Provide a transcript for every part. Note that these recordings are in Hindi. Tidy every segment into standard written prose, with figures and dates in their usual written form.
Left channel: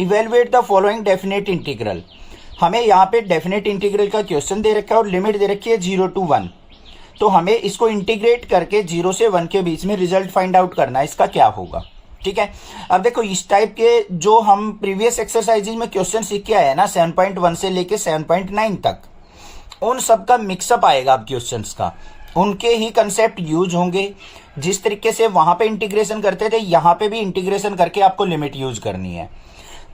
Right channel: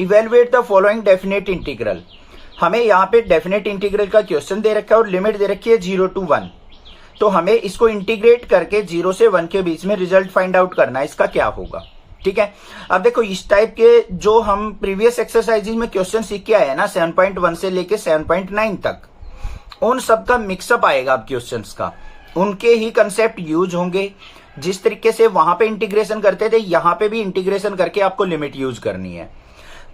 Evaluate the following definite integral. हमें यहाँ पे डेफिनेट इंटीग्रल का क्वेश्चन दे रखा है और लिमिट दे रखी है 0 to 1। तो हमें इसको इंटीग्रेट करके 0 से 1 के बीच में रिजल्ट फाइंड आउट करना है, इसका क्या होगा। ठीक है, अब देखो इस टाइप के जो हम प्रीवियस एक्सरसाइजेज में क्वेश्चन सीख के आए हैं ना 7.1 से लेके 7.9 तक, उन सब का मिक्सअप आएगा अब क्वेश्चंस का, उनके ही कंसेप्ट यूज होंगे। जिस तरीके से वहां पे इंटीग्रेशन करते थे यहाँ पे भी इंटीग्रेशन करके आपको लिमिट यूज करनी है।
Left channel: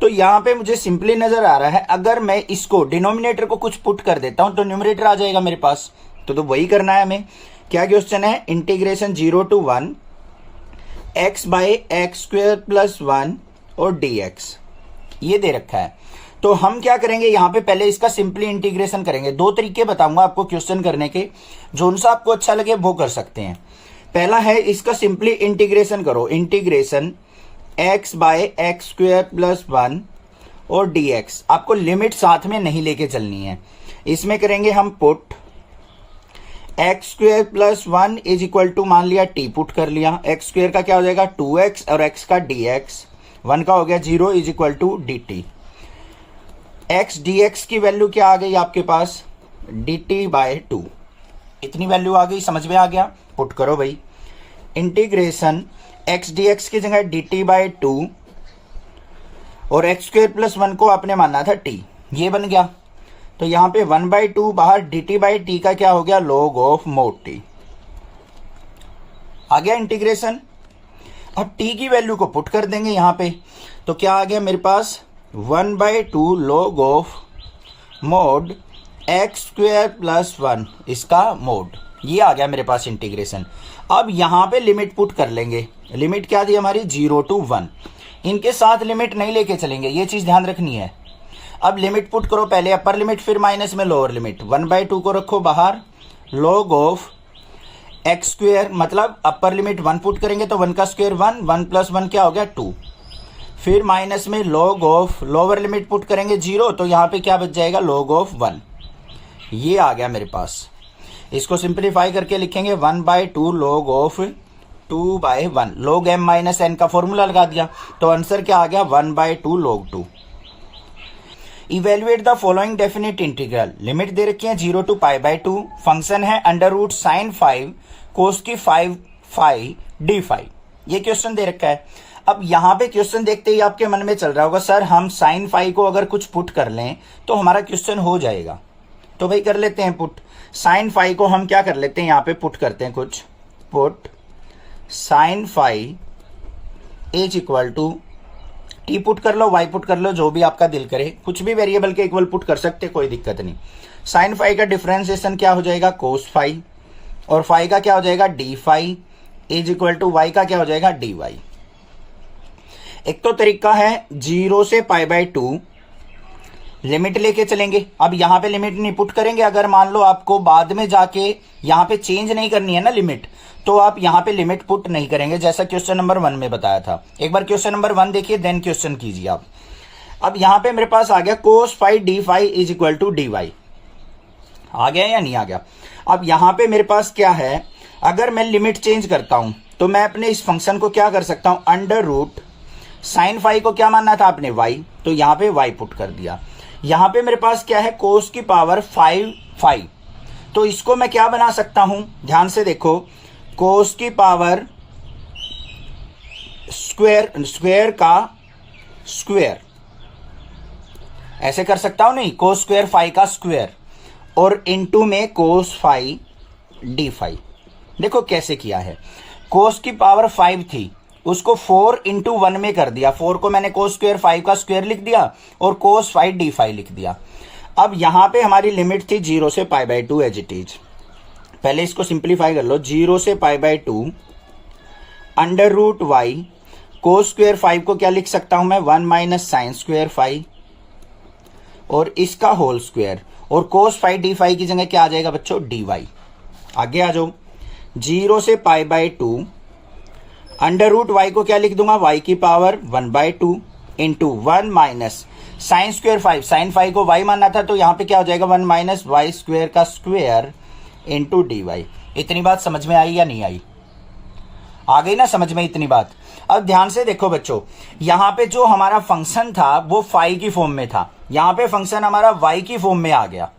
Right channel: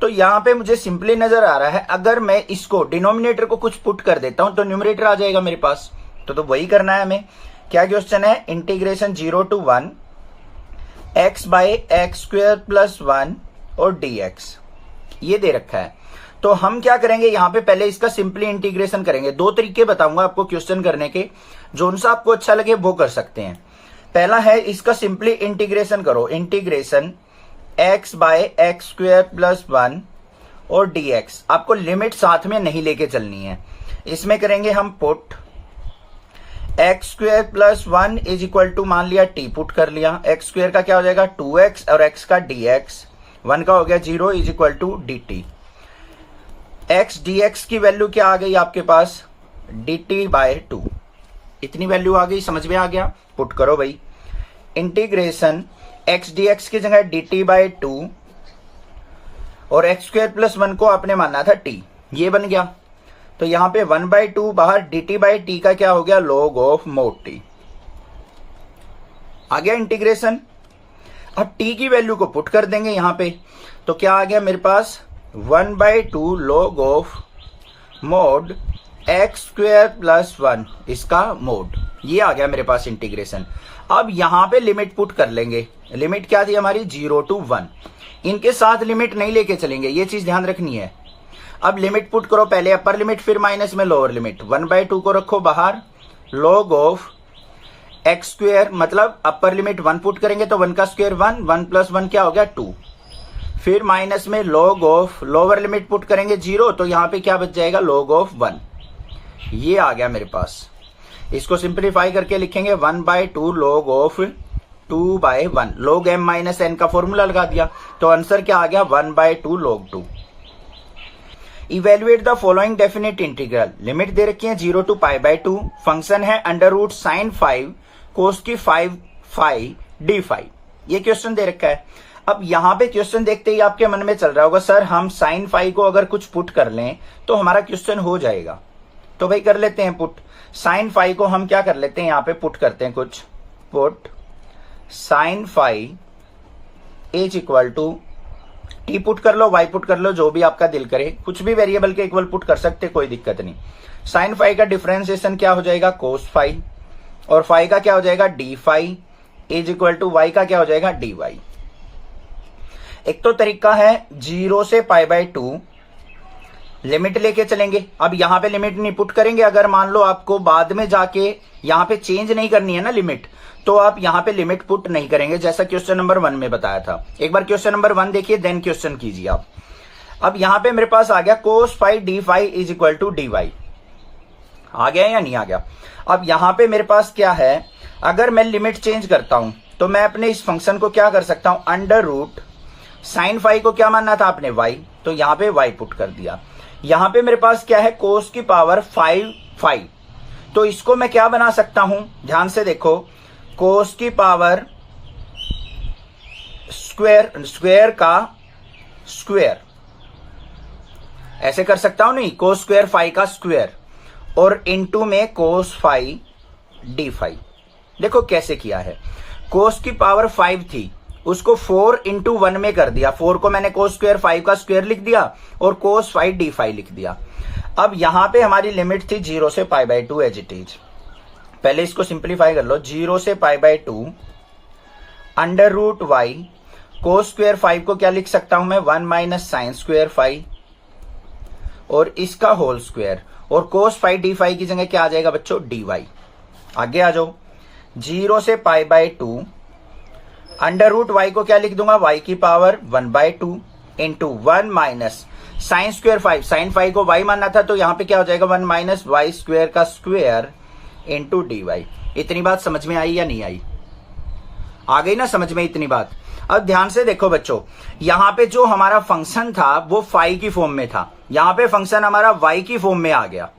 तो यहाँ पे मुझे सिंपली नजर आ रहा है, अगर मैं इसको डिनोमिनेटर को कुछ पुट कर देता हूं तो न्यूमरेटर आ जाएगा मेरे पास। तो वही करना है हमें। क्या क्वेश्चन है, integration 0 to 1 x by x square plus 1 और dx, ये दे रखा है। तो हम क्या करेंगे, यहां पे पहले इसका सिंपली इंटीग्रेशन करेंगे। दो तरीके बताऊंगा आपको क्वेश्चन करने के, जो सा आपको अच्छा लगे वो कर सकते हैं। पहला है इसका सिंपली इंटीग्रेशन करो, integration x by x square plus 1 और dx। आपको लिमिट साथ में नहीं लेके चलनी है। इसमें करेंगे हम put x square plus 1 is equal to, मान लिया t पुट कर लिया, एक्स स्क्वेयर का क्या हो जाएगा 2x और x का dx, 1 का हो गया 0 is equal to dt। x dx की वैल्यू क्या आ गई आपके पास, dt बाय 2। इतनी वैल्यू आ गई, समझ में आ गया। पुट करो भाई, इंटीग्रेशन x dx की जगह dt बाय 2 और एक्स स्क्वेयर प्लस 1 को आपने मानना था t, ये बन गया। तो यहां पे 1/2 बाहर, dt बाई t का क्या हो गया, log ऑफ mod t। आ गया इंटीग्रेशन। अब t की वैल्यू को पुट कर देंगे यहां पे, तो क्या आ गया मेरे पास 1/2 log of mod x square plus 1, इसका मोड, ये आ गया मेरे पास इंटीग्रेशन। अब यहां पे लिमिट पुट कर लेंगे। लिमिट क्या थी हमारी 0 to 1। इनके साथ लिमिट नहीं लेके चलेंगे, ये चीज ध्यान रखनी है। अब लिमिट पुट करो, पहले अपर लिमिट फिर माइनस में लोअर लिमिट। 1/2 को रखो बाहर, log ऑफ एक्स स्क्वेयर, मतलब अपर लिमिट 1 पुट करेंगे तो 1 का स्क्वेयर 1, 1 प्लस 1 क्या हो गया 2। फिर माइनस में log of lower limit put करेंगे 0, तो यहां पे क्या बच जाएगा log ऑफ 1। ये आ गया मेरे पास। इसको सिंप्लीफाई करके लिखेंगे 1/2 log of 2/1, log m minus n का फॉर्मूला लगा दिया, तो आंसर क्या आ गया 1/2 log 2। Evaluate the following definite integral. Limit दे रखी है 0 to π/2, फंक्शन है अंडर रूट साइन 5 कोस की 5 फाई डी फाई। ये क्वेश्चन दे रखा है। अब यहां पे क्वेश्चन देखते ही आपके मन में चल रहा होगा, सर हम साइन 5 को अगर कुछ पुट कर लें तो हमारा क्वेश्चन हो जाएगा। तो भाई कर लेते हैं पुट। साइन 5 को हम क्या कर लेते हैं, यहां पे पुट करते हैं कुछ, put sine 5 is equal to T put कर लो, वाई पुट कर लो, जो भी आपका दिल करे, कुछ भी वेरिएबल के इक्वल पुट कर सकते, कोई दिक्कत नहीं। साइन 5 का डिफरेंशिएशन क्या हो जाएगा कोस 5, और 5 का क्या हो जाएगा D 5 is equal to Y का क्या हो जाएगा डी वाई। एक तो तरीका है 0 से π/2 लिमिट लेके चलेंगे। अब यहां पे लिमिट नहीं पुट करेंगे, अगर मान लो आपको बाद में जाके यहां पे चेंज नहीं करनी है ना लिमिट, तो आप यहां पे लिमिट पुट नहीं करेंगे, जैसा क्वेश्चन नंबर 1 में बताया था। एक बार क्वेश्चन नंबर 1 देखिए, देन क्वेश्चन कीजिए आप। अब यहां पे मेरे पास आ गया cos 5 d 5 is equal to d y. आ गया या नहीं आ गया। अब यहां पे मेरे पास क्या है, अगर मैं लिमिट चेंज करता हूं तो मैं अपने इस फंक्शन को क्या कर सकता हूं, अंडर रूट साइन 5 को क्या मानना था आपने वाई, तो यहां पे वाई पुट कर दिया। यहां पे मेरे पास क्या है कोस की पावर 5, तो इसको मैं क्या बना सकता हूं, ध्यान से देखो, कोस की पावर स्क्वेयर का स्क्वेयर, ऐसे कर सकता हूं नहीं, कोस स्क्वेयर 5 का स्क्वेयर और इनटू में कोस 5 डी 5। देखो कैसे किया है, कोस की पावर 5 थी, उसको 4 into 1 में कर दिया, 4 को मैंने कोस स्क्वेयर 5 का स्क्वेयर लिख दिया और कोस 5 डी 5 लिख दिया। अब यहां पे हमारी लिमिट थी 0 से π/2 एज इट इज। पहले इसको सिंप्लीफाई कर लो, 0 से π/2 under root y, cos square 5 को क्या लिख सकता हूं मैं 1 माइनस साइन स्क्वेयर 5 और इसका होल स्क्वेयर, और कोस 5 डी 5 की जगह क्या आ जाएगा बच्चों डी वाई। आगे आ जाओ, 0 से π/2 अंडर रूट वाई को क्या लिख दूंगा, वाई की power 1/2 into 1 minus sine square 5, sine 5 को वाई मानना था, तो यहां पे क्या हो जाएगा 1 माइनस वाई स्क्वेयर का स्क्वेयर इंटू डी वाई। इतनी बात समझ में आई या नहीं आई, आ गई ना समझ में इतनी बात। अब ध्यान से देखो बच्चों, यहां पे जो हमारा फंक्शन था वो फाई की फॉर्म में था, यहां पे फंक्शन हमारा वाई की फॉर्म में आ गया।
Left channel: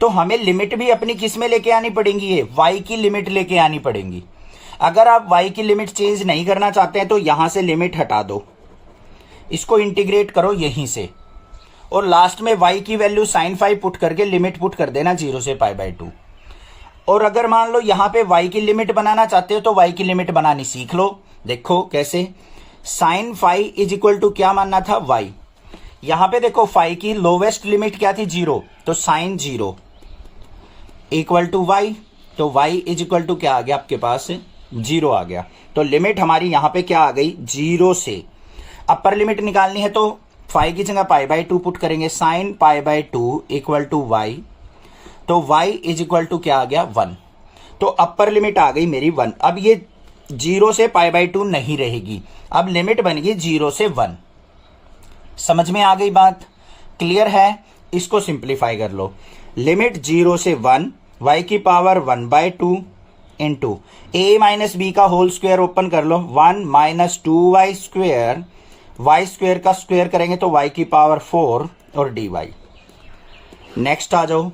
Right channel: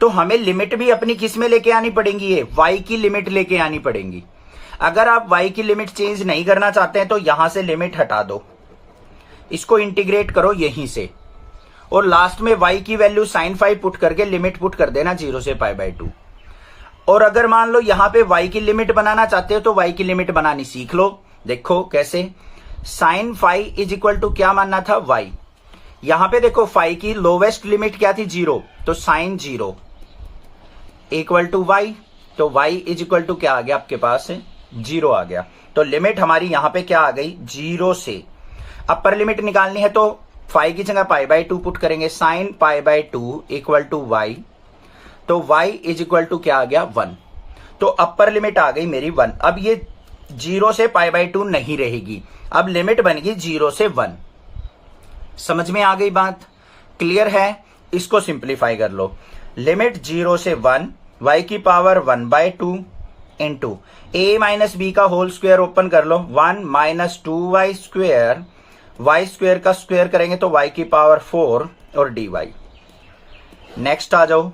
तो हमें लिमिट भी अपनी किस में लेके आनी पड़ेगी, है वाई की लिमिट लेके आनी पड़ेगी। अगर आप वाई की लिमिट चेंज नहीं करना चाहते हैं तो यहां से लिमिट हटा दो, इसको इंटीग्रेट करो यहीं से, और लास्ट में y की वैल्यू sin फाई पुट करके लिमिट पुट कर देना 0 से π/2। और अगर मान लो यहां पे y की लिमिट बनाना चाहते हो तो y की लिमिट बनानी सीख लो। देखो कैसे, sin phi is equal to क्या मानना था, y। यहां पे देखो फाई की लोवेस्ट लिमिट क्या थी, 0, तो sin 0 इक्वल टू y, तो y इज इक्वल टू क्या आ गया आपके पास, 0 आ गया। तो लिमिट हमारी यहां पे क्या आ गई, 0 से। अपर लिमिट निकालनी है तो फाई की जगह π/2 पुट करेंगे, sin π/2 इक्वल टू y, तो y इज इक्वल टू क्या आ गया, 1। तो अपर लिमिट आ गई मेरी 1। अब ये 0 से π/2 नहीं रहेगी, अब लिमिट बन गई 0 से 1। समझ में आ गई बात, क्लियर है। इसको सिंप्लीफाई कर लो, लिमिट 0 से 1 y की power 1/2 into a minus B का होल स्क्वायर ओपन कर लो, 1 minus 2y square, y square का स्क्वायर करेंगे तो y की पावर 4 और dy। नेक्स्ट आ जाओ,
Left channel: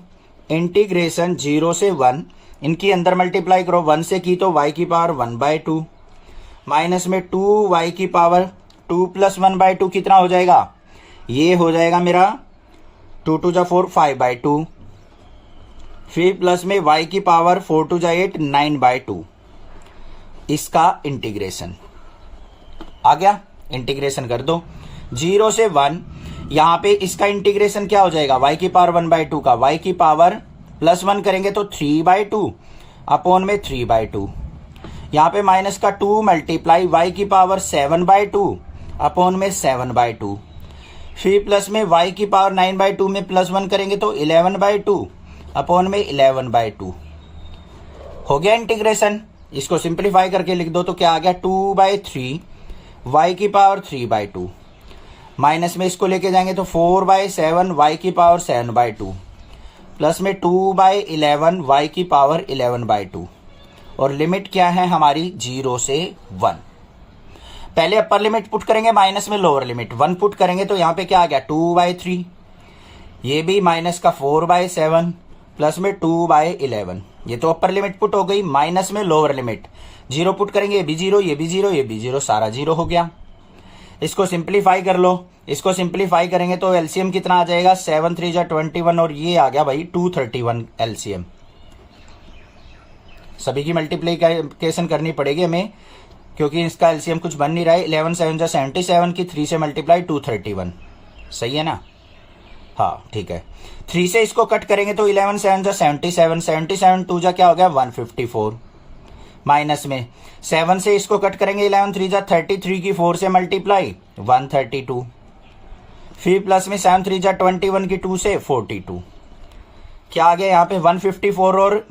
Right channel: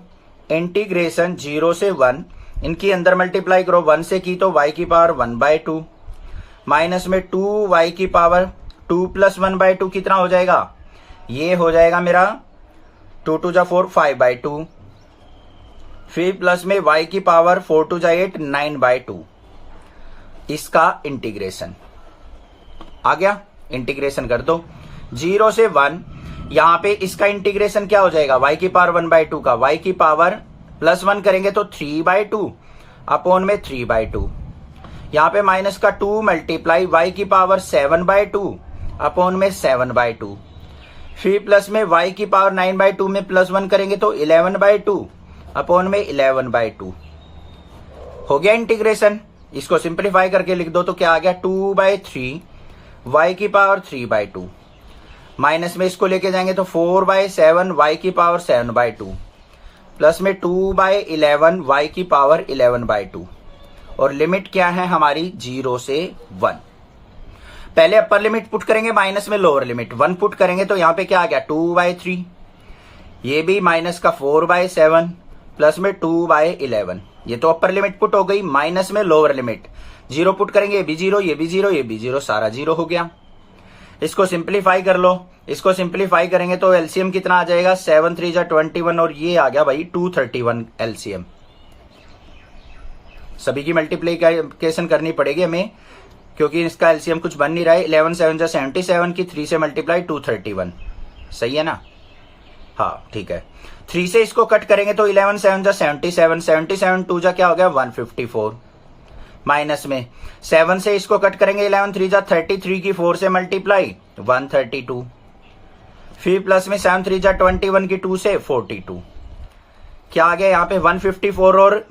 इंटीग्रेशन 0 से 1, इनकी अंदर मल्टीप्लाई करो, 1 से की तो y की पावर 1/2 माइनस में 2y की पावर 2 प्लस 1/2 कितना हो जाएगा, ये हो जाएगा मेरा 2 2 जा 4 5/2, फिर प्लस में y की पावर 4 2 जा 8 9/2। इसका इंटीग्रेशन आ गया, इंटीग्रेशन कर दो 0 से 1। यहां पे इसका इंटीग्रेशन क्या हो जाएगा, y की पावर 1/2 का y की पावर प्लस 1 करेंगे तो 3/2 अपॉन में 3/2। यहां पे माइनस का 2 मल्टीप्लाई y की पावर 7/2 अपॉन में 7/2, फिर प्लस में y की पावर 9/2 में प्लस 1 करेंगे तो 11/2 अपॉन में 11/2। हो गया इंटीग्रेशन। इसको सिंप्लीफाई करके लिख दो तो क्या आ गया, 2/3 y की पावर 3/2 माइनस में इसको लेके जाएंगे तो 4/7 y की पावर 7/2 प्लस में 2/11 y की पावर 11/2। और लिमिट क्या है हमारी, 0 से 1। पहले अपर लिमिट पुट करेंगे, माइनस में लोअर लिमिट 1 पुट करेंगे तो यहां पे क्या आ गया, 2/3, ये भी माइनस का 4/7 प्लस में 2/11। ये तो अपर लिमिट पुट हो गई, माइनस में लोअर लिमिट 0 पुट करेंगे, ये भी 0, ये भी 0, ये भी 0, सारा 0 हो गया। इसको सिंप्लीफाई कर लो, इसको सिंप्लीफाई करेंगे तो एलसीएम कितना आ जाएगा, 7 3 जा 21 और ये आ गया भाई 231 एलसीएम। सभी की मल्टीप्लीकेशन करनी पड़ेगी हमें क्योंकि इसका एलसीएम कुछ बन नहीं रहा है। 11 7 जा 77 की 3 से मल्टीप्लाई 231, सही है ना, हाँ ठीक है। 3 से इसको कट करेंगे तो 11 7 जा 77, 77 2 जा क्या हो गया 154, माइनस में 7 से इसको कट करेंगे 11 3 जा 33 की 4 से मल्टीप्लाई 132, फिर प्लस में 7 3 जा 21 की 2 से 42। क्या आ गया यहाँ पे 154 और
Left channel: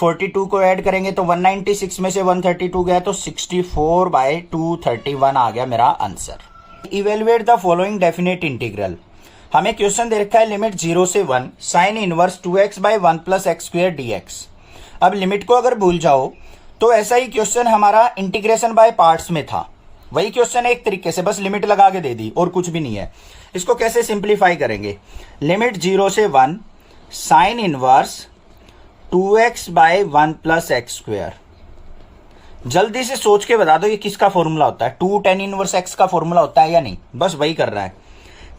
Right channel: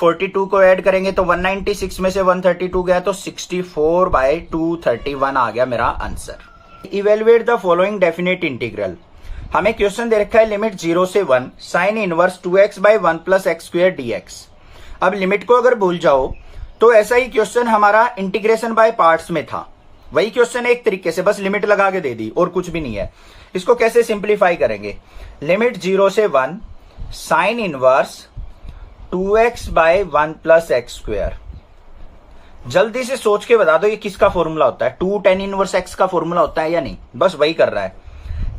42 को ऐड करेंगे तो 196 में से 132 गया तो 64/231 आ गया मेरा answer. Evaluate the following definite integral. हमें क्वेश्चन दे रखा है लिमिट 0 से 1 sine inverse 2x/1 plus x square dx। अब लिमिट को अगर भूल जाओ तो ऐसा ही क्वेश्चन हमारा इंटीग्रेशन बाय पार्ट्स में था, वही क्वेश्चन एक तरीके से बस लिमिट लगा के दे दी और कुछ भी नहीं है। इसको कैसे सिंप्लीफाई करेंगे, लिमिट 0 से 1 sine inverse 2x/1 plus x square. जल्दी से सोच के बता दो ये किसका फॉर्मूला होता है, 2 tan इनवर्स x का फॉर्मूला होता है या नहीं, बस वही कर रहा है।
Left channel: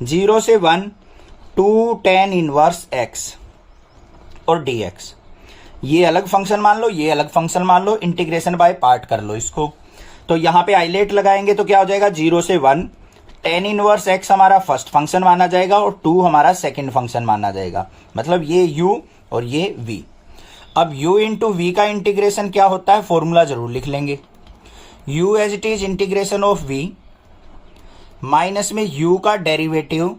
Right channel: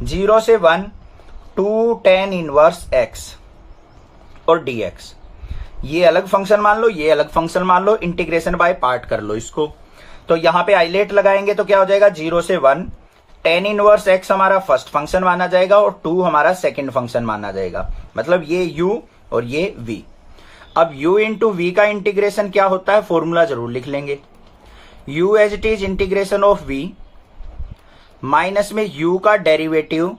0 से 1 2 tan इनवर्स x और dx, ये अलग फंक्शन मान लो, ये अलग फंक्शन मान लो, इंटीग्रेशन बाय पार्ट कर लो इसको। तो यहां पे आइलेट लगाएंगे तो क्या हो जाएगा 0 से 1 tan इनवर्स x हमारा फर्स्ट फंक्शन माना जाएगा और 2 हमारा सेकंड फंक्शन माना जाएगा, मतलब ये u और ये v। अब u इंटू वी का इंटीग्रेशन क्या होता है, फॉर्मूला जरूर लिख लेंगे, u as it is integration of v minus में u का डेरिवेटिव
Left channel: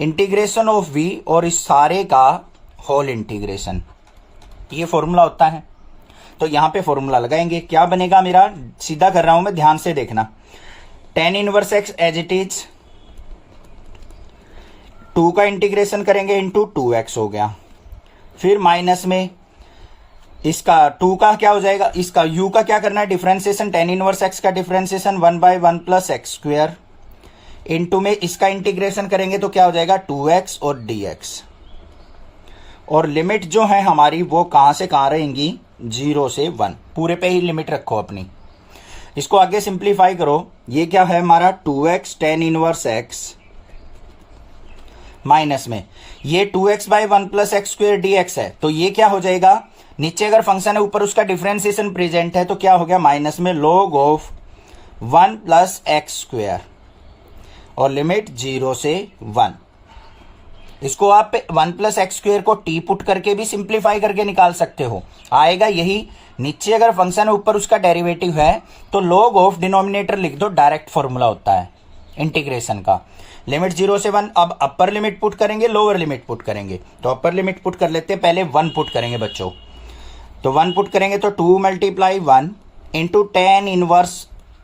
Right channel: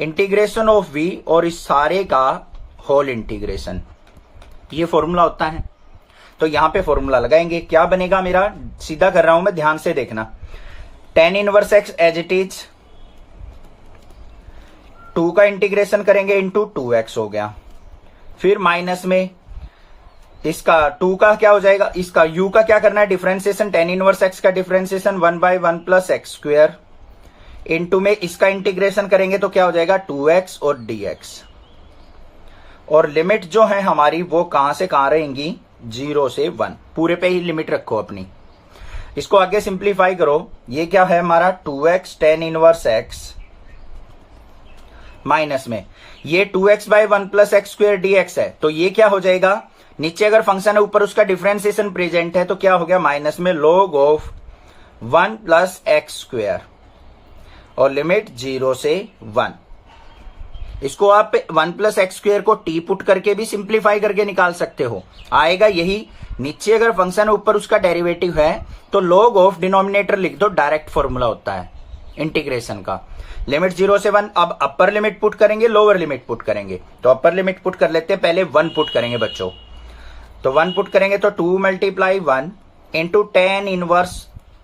इंटीग्रेशन ऑफ v और इस सारे का होल इंटीग्रेशन, ये फॉर्मूला होता है। तो यहां पे फॉर्मूला लगाएंगे, क्या बनेगा मेरा, सीधा कर रहा हूं मैं, ध्यान से देखना। tan inverse x as it is 2 का इंटीग्रेशन करेंगे इंटू 2x हो गया, फिर माइनस में इसका 2 का क्या हो जाएगा, इसका u का क्या करना है डिफरेंशिएशन, tan इनवर्स x का differentiation 1/1 plus x square into में इसका इंटीग्रेशन करेंगे तो क्या हो जाएगा 2x और dx। और लिमिट जो है हमारी वो कहां से कहां रहेंगी, 0 से 1, पूरे पे ही लिमिट रखो अपनी। इसको आगे सिंप्लीफाई करो, ये क्या है हमारा 2x tan inverse x minus में ये 2x/1 plus x square dx है, तो ये क्या हो जाएगा, नीचे अगर फंक्शन है ऊपर उसका डिफरेंशिएशन प्रेजेंट है तो क्या हो गया माइनस में log of 1 plus x square और लिमिट 0 से 1। इसको आप 1 प्लस एक्स स्क्वेयर को t पुट करके भी सिंप्लीफाई करके निकाल सकते हो, आएगा यही। नीचे अगर फंक्शन है ऊपर उसका डेरिवेटिव है तो log ऑफ डिनोमिनेटर लिख दो, डायरेक्ट फॉर्मूला होता है इंटीग्रेशन का। लिमिट 0 से 1, अब अपर लिमिट पुट करेंगे लोअर लिमिट पुट करेंगे, तो अपर लिमिट पुट कर लेते हैं, पहले 1 पुट करेंगे बच्चों। तो 1 पुट करेंगे तो 2 मल्टीप्लाई 1 इंटू tan इनवर्स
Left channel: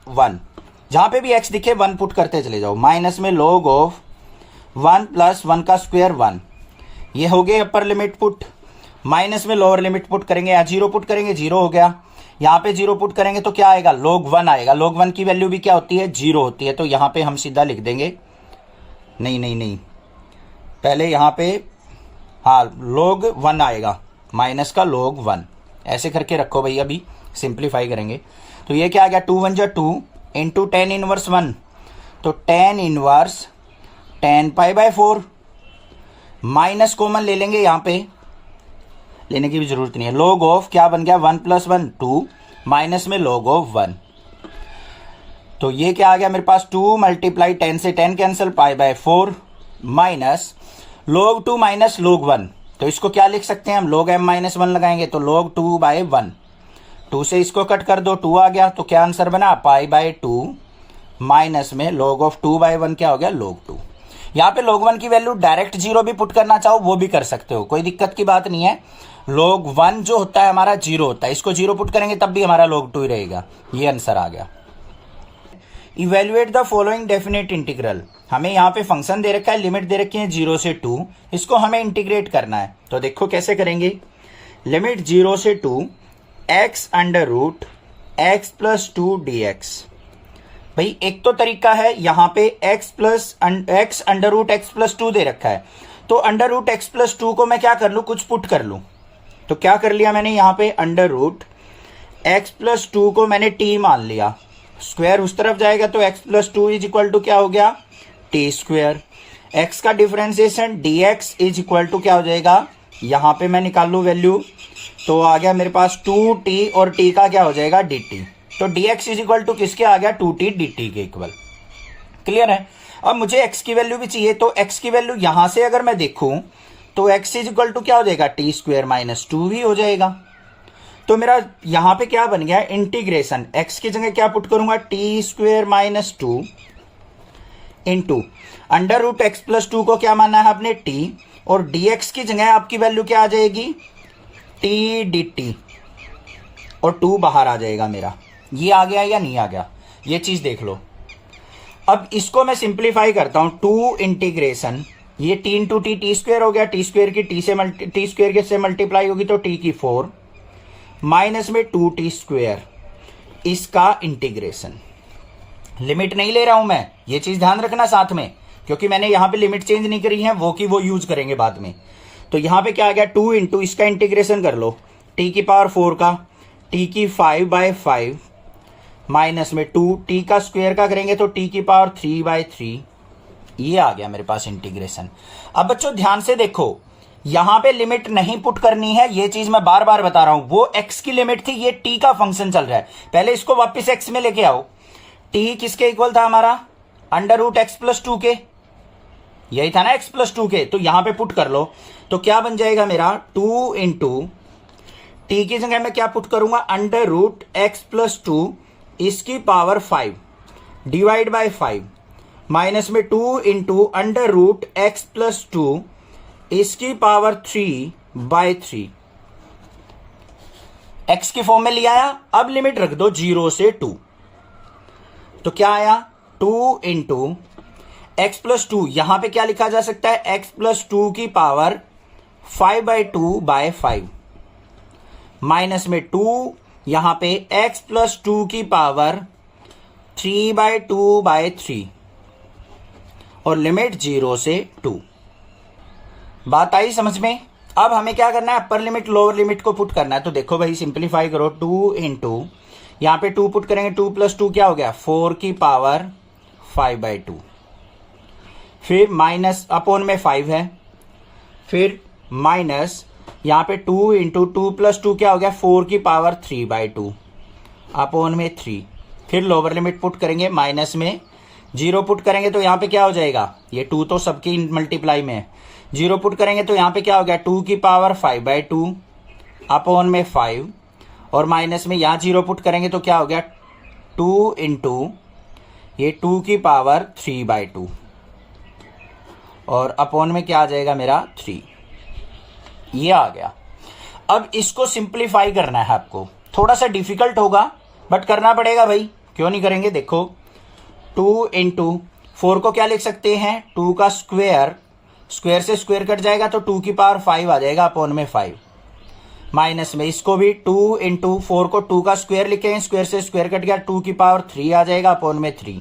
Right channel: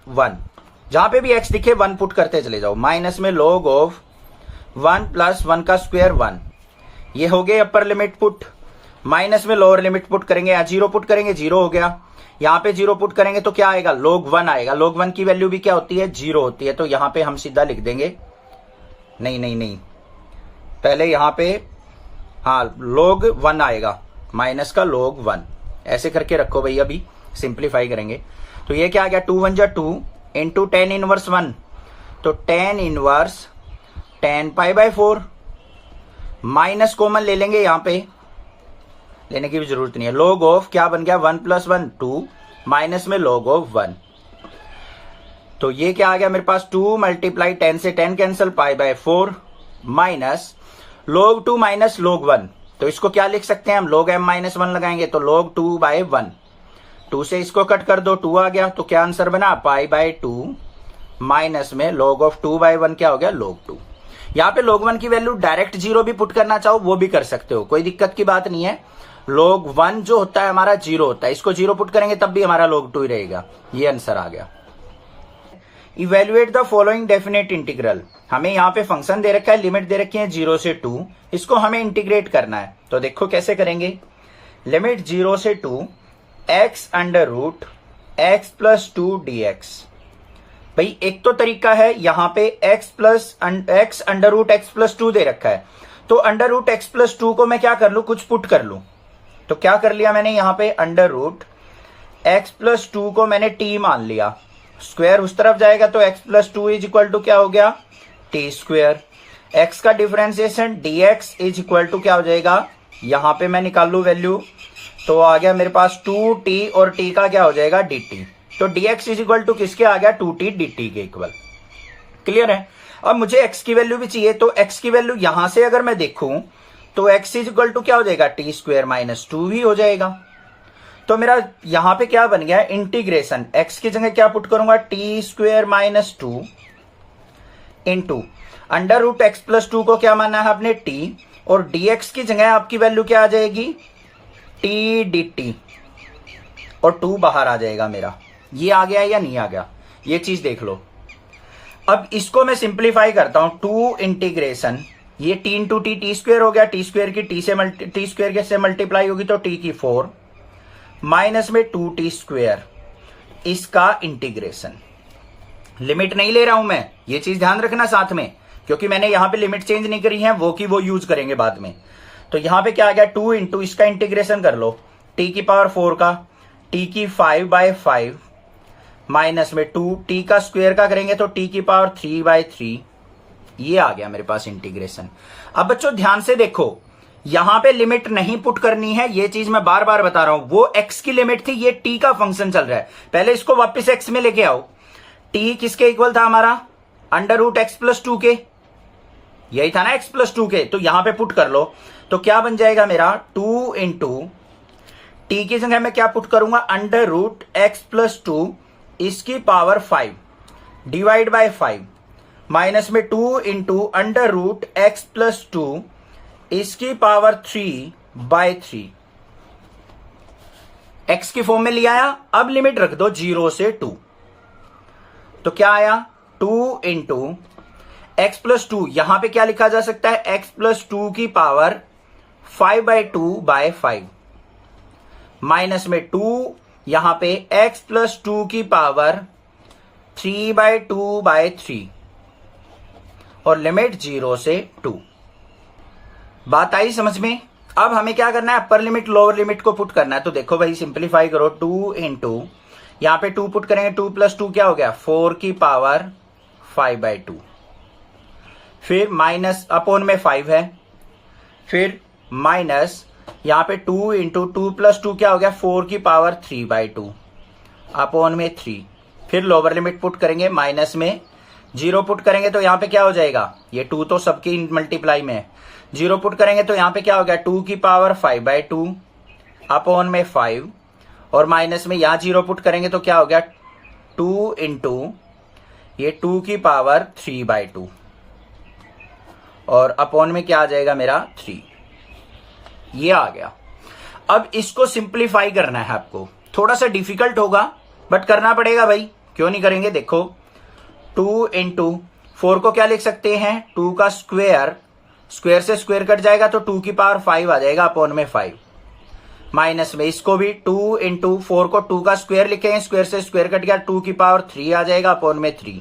1, जहां पे भी x दिखे 1 पुट करते चले जाओ, माइनस में log ऑफ 1 प्लस 1 का स्क्वायर 1, ये हो गए अपर लिमिट पुट। माइनस में लोअर लिमिट पुट करेंगे, या 0 पुट करेंगे 0 हो गया, यहां पे 0 पुट करेंगे तो क्या आएगा log 1 आएगा। log 1 की वैल्यू भी क्या होती है 0 होती है, तो यहां पे हम सीधा लिख देंगे, नहीं पहले यहां पे हाँ log 1 आएगा, माइनस का log 1 ऐसे करके रखो भैया, अभी सिंप्लीफाई करेंगे तो ये क्या आ गया 2 1 जा 2 इंटू tan इनवर्स 1, तो tan inverse tan π/4, minus common ले लेंगे, यहां पे लेने की भी जरूरत नहीं है। log ऑफ क्या बन गया 1 प्लस 1 2 माइनस में log ऑफ 1, तो ये क्या आ गया मेरे पास 2 मल्टीप्लाई 10 से 10 cancel π/4 minus log 2 minus log 1, तो इसको क्या लिख सकते हैं हम log m माइनस 1 लगाएंगे तो log 2/1, 2 से इसको कट कर दो 2 आ गया, तो क्या आंसर बना π/2 माइनस में log ऑफ 2/1 क्या हो गया log 2। यहाँ पे log 1 की वैल्यू डायरेक्ट 0 भी पुट करना चाहो वो भी कर सकते हो, कोई दिक्कत की बात नहीं है। log 1 जो होता है हमारा 0 होता है, इसको 0 पुट करेंगे तब भी हमारा log 2 ही रहेगा, ये आंसर आ गया। Evaluate the following definite integral, हमें यहाँ पे फंक्शन दे रखा है, लिमिट दे रखी है 0 से 2, इसको हमें इंटीग्रेट करना है, तो देखो कैसे करेंगे। लिमिट 0 से 2 x under root x plus 2 dx। भाई एक तो तरीका है यहाँ पे x under root x plus 2 दे रखा है, तो अंडर रूट एक्स प्लस 2 को मैं क्या कर लू, कुछ पुट कर लू, तो क्या कर लिया मैंने यहाँ पे अंडर रूट एक्स प्लस 2 को मैंने t मान लिया, स्क्वायर उस तरफ जाएगा तो x plus 2 is equal to क्या हो गया t स्क्वायर, x का differentiation dx is equal to क्या हो जाएगा, यहां पे मैं निकाल लू वैल्यू, तो आ गया मेरे पास 2t और t का क्या हो जाएगा dt, तो dx इज इक्वल टू किसके आ गया 2t dt के इक्वल। क्लियर है। अब मुझे x की वैल्यू भी चाहिए, तो x की वैल्यू यहां से अगर मैं देखूं तो x इज इक्वल टू क्या हो जाएगा t स्क्वायर माइनस 2 ही हो जाएगा। तो मेरा यहां पे क्या बन गया इंटीग्रेशन, x की जगह क्या पुट करूंगा t square minus 2 into under root x plus 2 को क्या मानना है आपने t, और dx की जगह आपकी वैल्यू क्या आ जाएगी t dt, और 2 बाहर आ जाएगा मेरा। ये आ गया या नहीं आ गया, ये चीज देख लो। अब इसको मैं सिंप्लीफाई करता हूं, 2 इंटीग्रेशन ये t इंटू टी स्क्वायर हो गया, टी स्क्वायर की टी स्क्वायर से मल्टीप्लाई होगी तो t की 4 माइनस में 2t स्क्वायर, इसका इंटीग्रेशन। लिमिट नहीं ले रहा हूं मैं, ये चीज ध्यान रखना साथ में, क्योंकि मैंने यहां पे लिमिट चेंज नहीं करी है, वो की वो यूज करेंगे बाद में। तो यहां पे क्या आ गया 2 इंटू इसका इंटीग्रेशन कर लो, t की पावर 4 का, t की 5/5 माइनस में 2 t का स्क्वायर का करेंगे तो t की पावर 3/3, ये आ गया मेरे पास इंटीग्रेशन। अब बच्चों ध्यान से देखो, यहां पे लिमिट नहीं पुट करनी है, ये चीज मैं बार बार बता रहा हूं, वो x की लिमिट थी, ये t का फंक्शन चल रहा है, पहले इसको वापस x में लेके आओ। t किसके इक्वल था हमारा अंडर रूट एक्स प्लस 2 के, यही था ना x प्लस 2 के, तो यहां पे पुट कर लो, तो क्या बन जाएगा मेरा 2 इंटू टी की जगह मैं क्या पुट करूंगा अंडर रूट एक्स प्लस 2 इसकी पावर 5 डिवाइड बाय 5 माइनस में 2 into under root x plus 2 इसकी पावर 3/3, x की फॉर्म में लिया आया। अब लिमिट रख दो 0 से 2, तो क्या आया 2 इंटू एक्स प्लस 2, यहां पे क्या लिखा जा सकता है x प्लस 2 की पावर 5/2/5 माइनस में 2, यहां पे x प्लस 2 की पावर 3/2/3 और लिमिट 0 से 2। बात आई समझ में? अब हमें क्या करना है, अपर लिमिट लोअर लिमिट को पुट करना है। तो देखो भाई सिंप्लीफाई करो, 2 इंटू यहां पे 2 पुट करेंगे, 2 प्लस 2 क्या हो गया 4 की पावर 5/2, फिर माइनस अपोन में 5 है, फिर माइनस यहां पे 2 इंटू 2 प्लस 2 क्या हो गया 4 की पावर 3/2 अपोन में 3, फिर लोअर लिमिट पुट करेंगे, माइनस में 0 पुट करेंगे तो यहां पे क्या हो जाएगा, ये 2 तो सबकी मल्टीप्लाई में है, 0 पुट करेंगे तो यहां पे क्या हो गया 2 की पावर 5/2 अपोन में 5, और माइनस में यहां 0 पुट करेंगे तो क्या हो गया 2 इंटू ये 2 की पावर 3/2 और अपोन में क्या आ जाएगा मेरा 3, ये आ गया। अब इसको सिंप्लीफाई करना है आपको, थोड़ा सा डिफिकल्ट होगा बट करना पड़ेगा भाई, क्यों नहीं करेंगे। देखो 2 इंटू 4 को क्या लिख सकते हैं 2 का स्क्वायर, स्क्वायर से स्क्वायर कट जाएगा तो 2 की पावर 5 आ जाएगा अपोन में 5, माइनस में इसको भी 2 इंटू 4 को 2 का स्क्वायर लिखेंगे, स्क्वायर से स्क्वायर कट गया 2 की पावर 3 आ जाएगा अपोन में 3,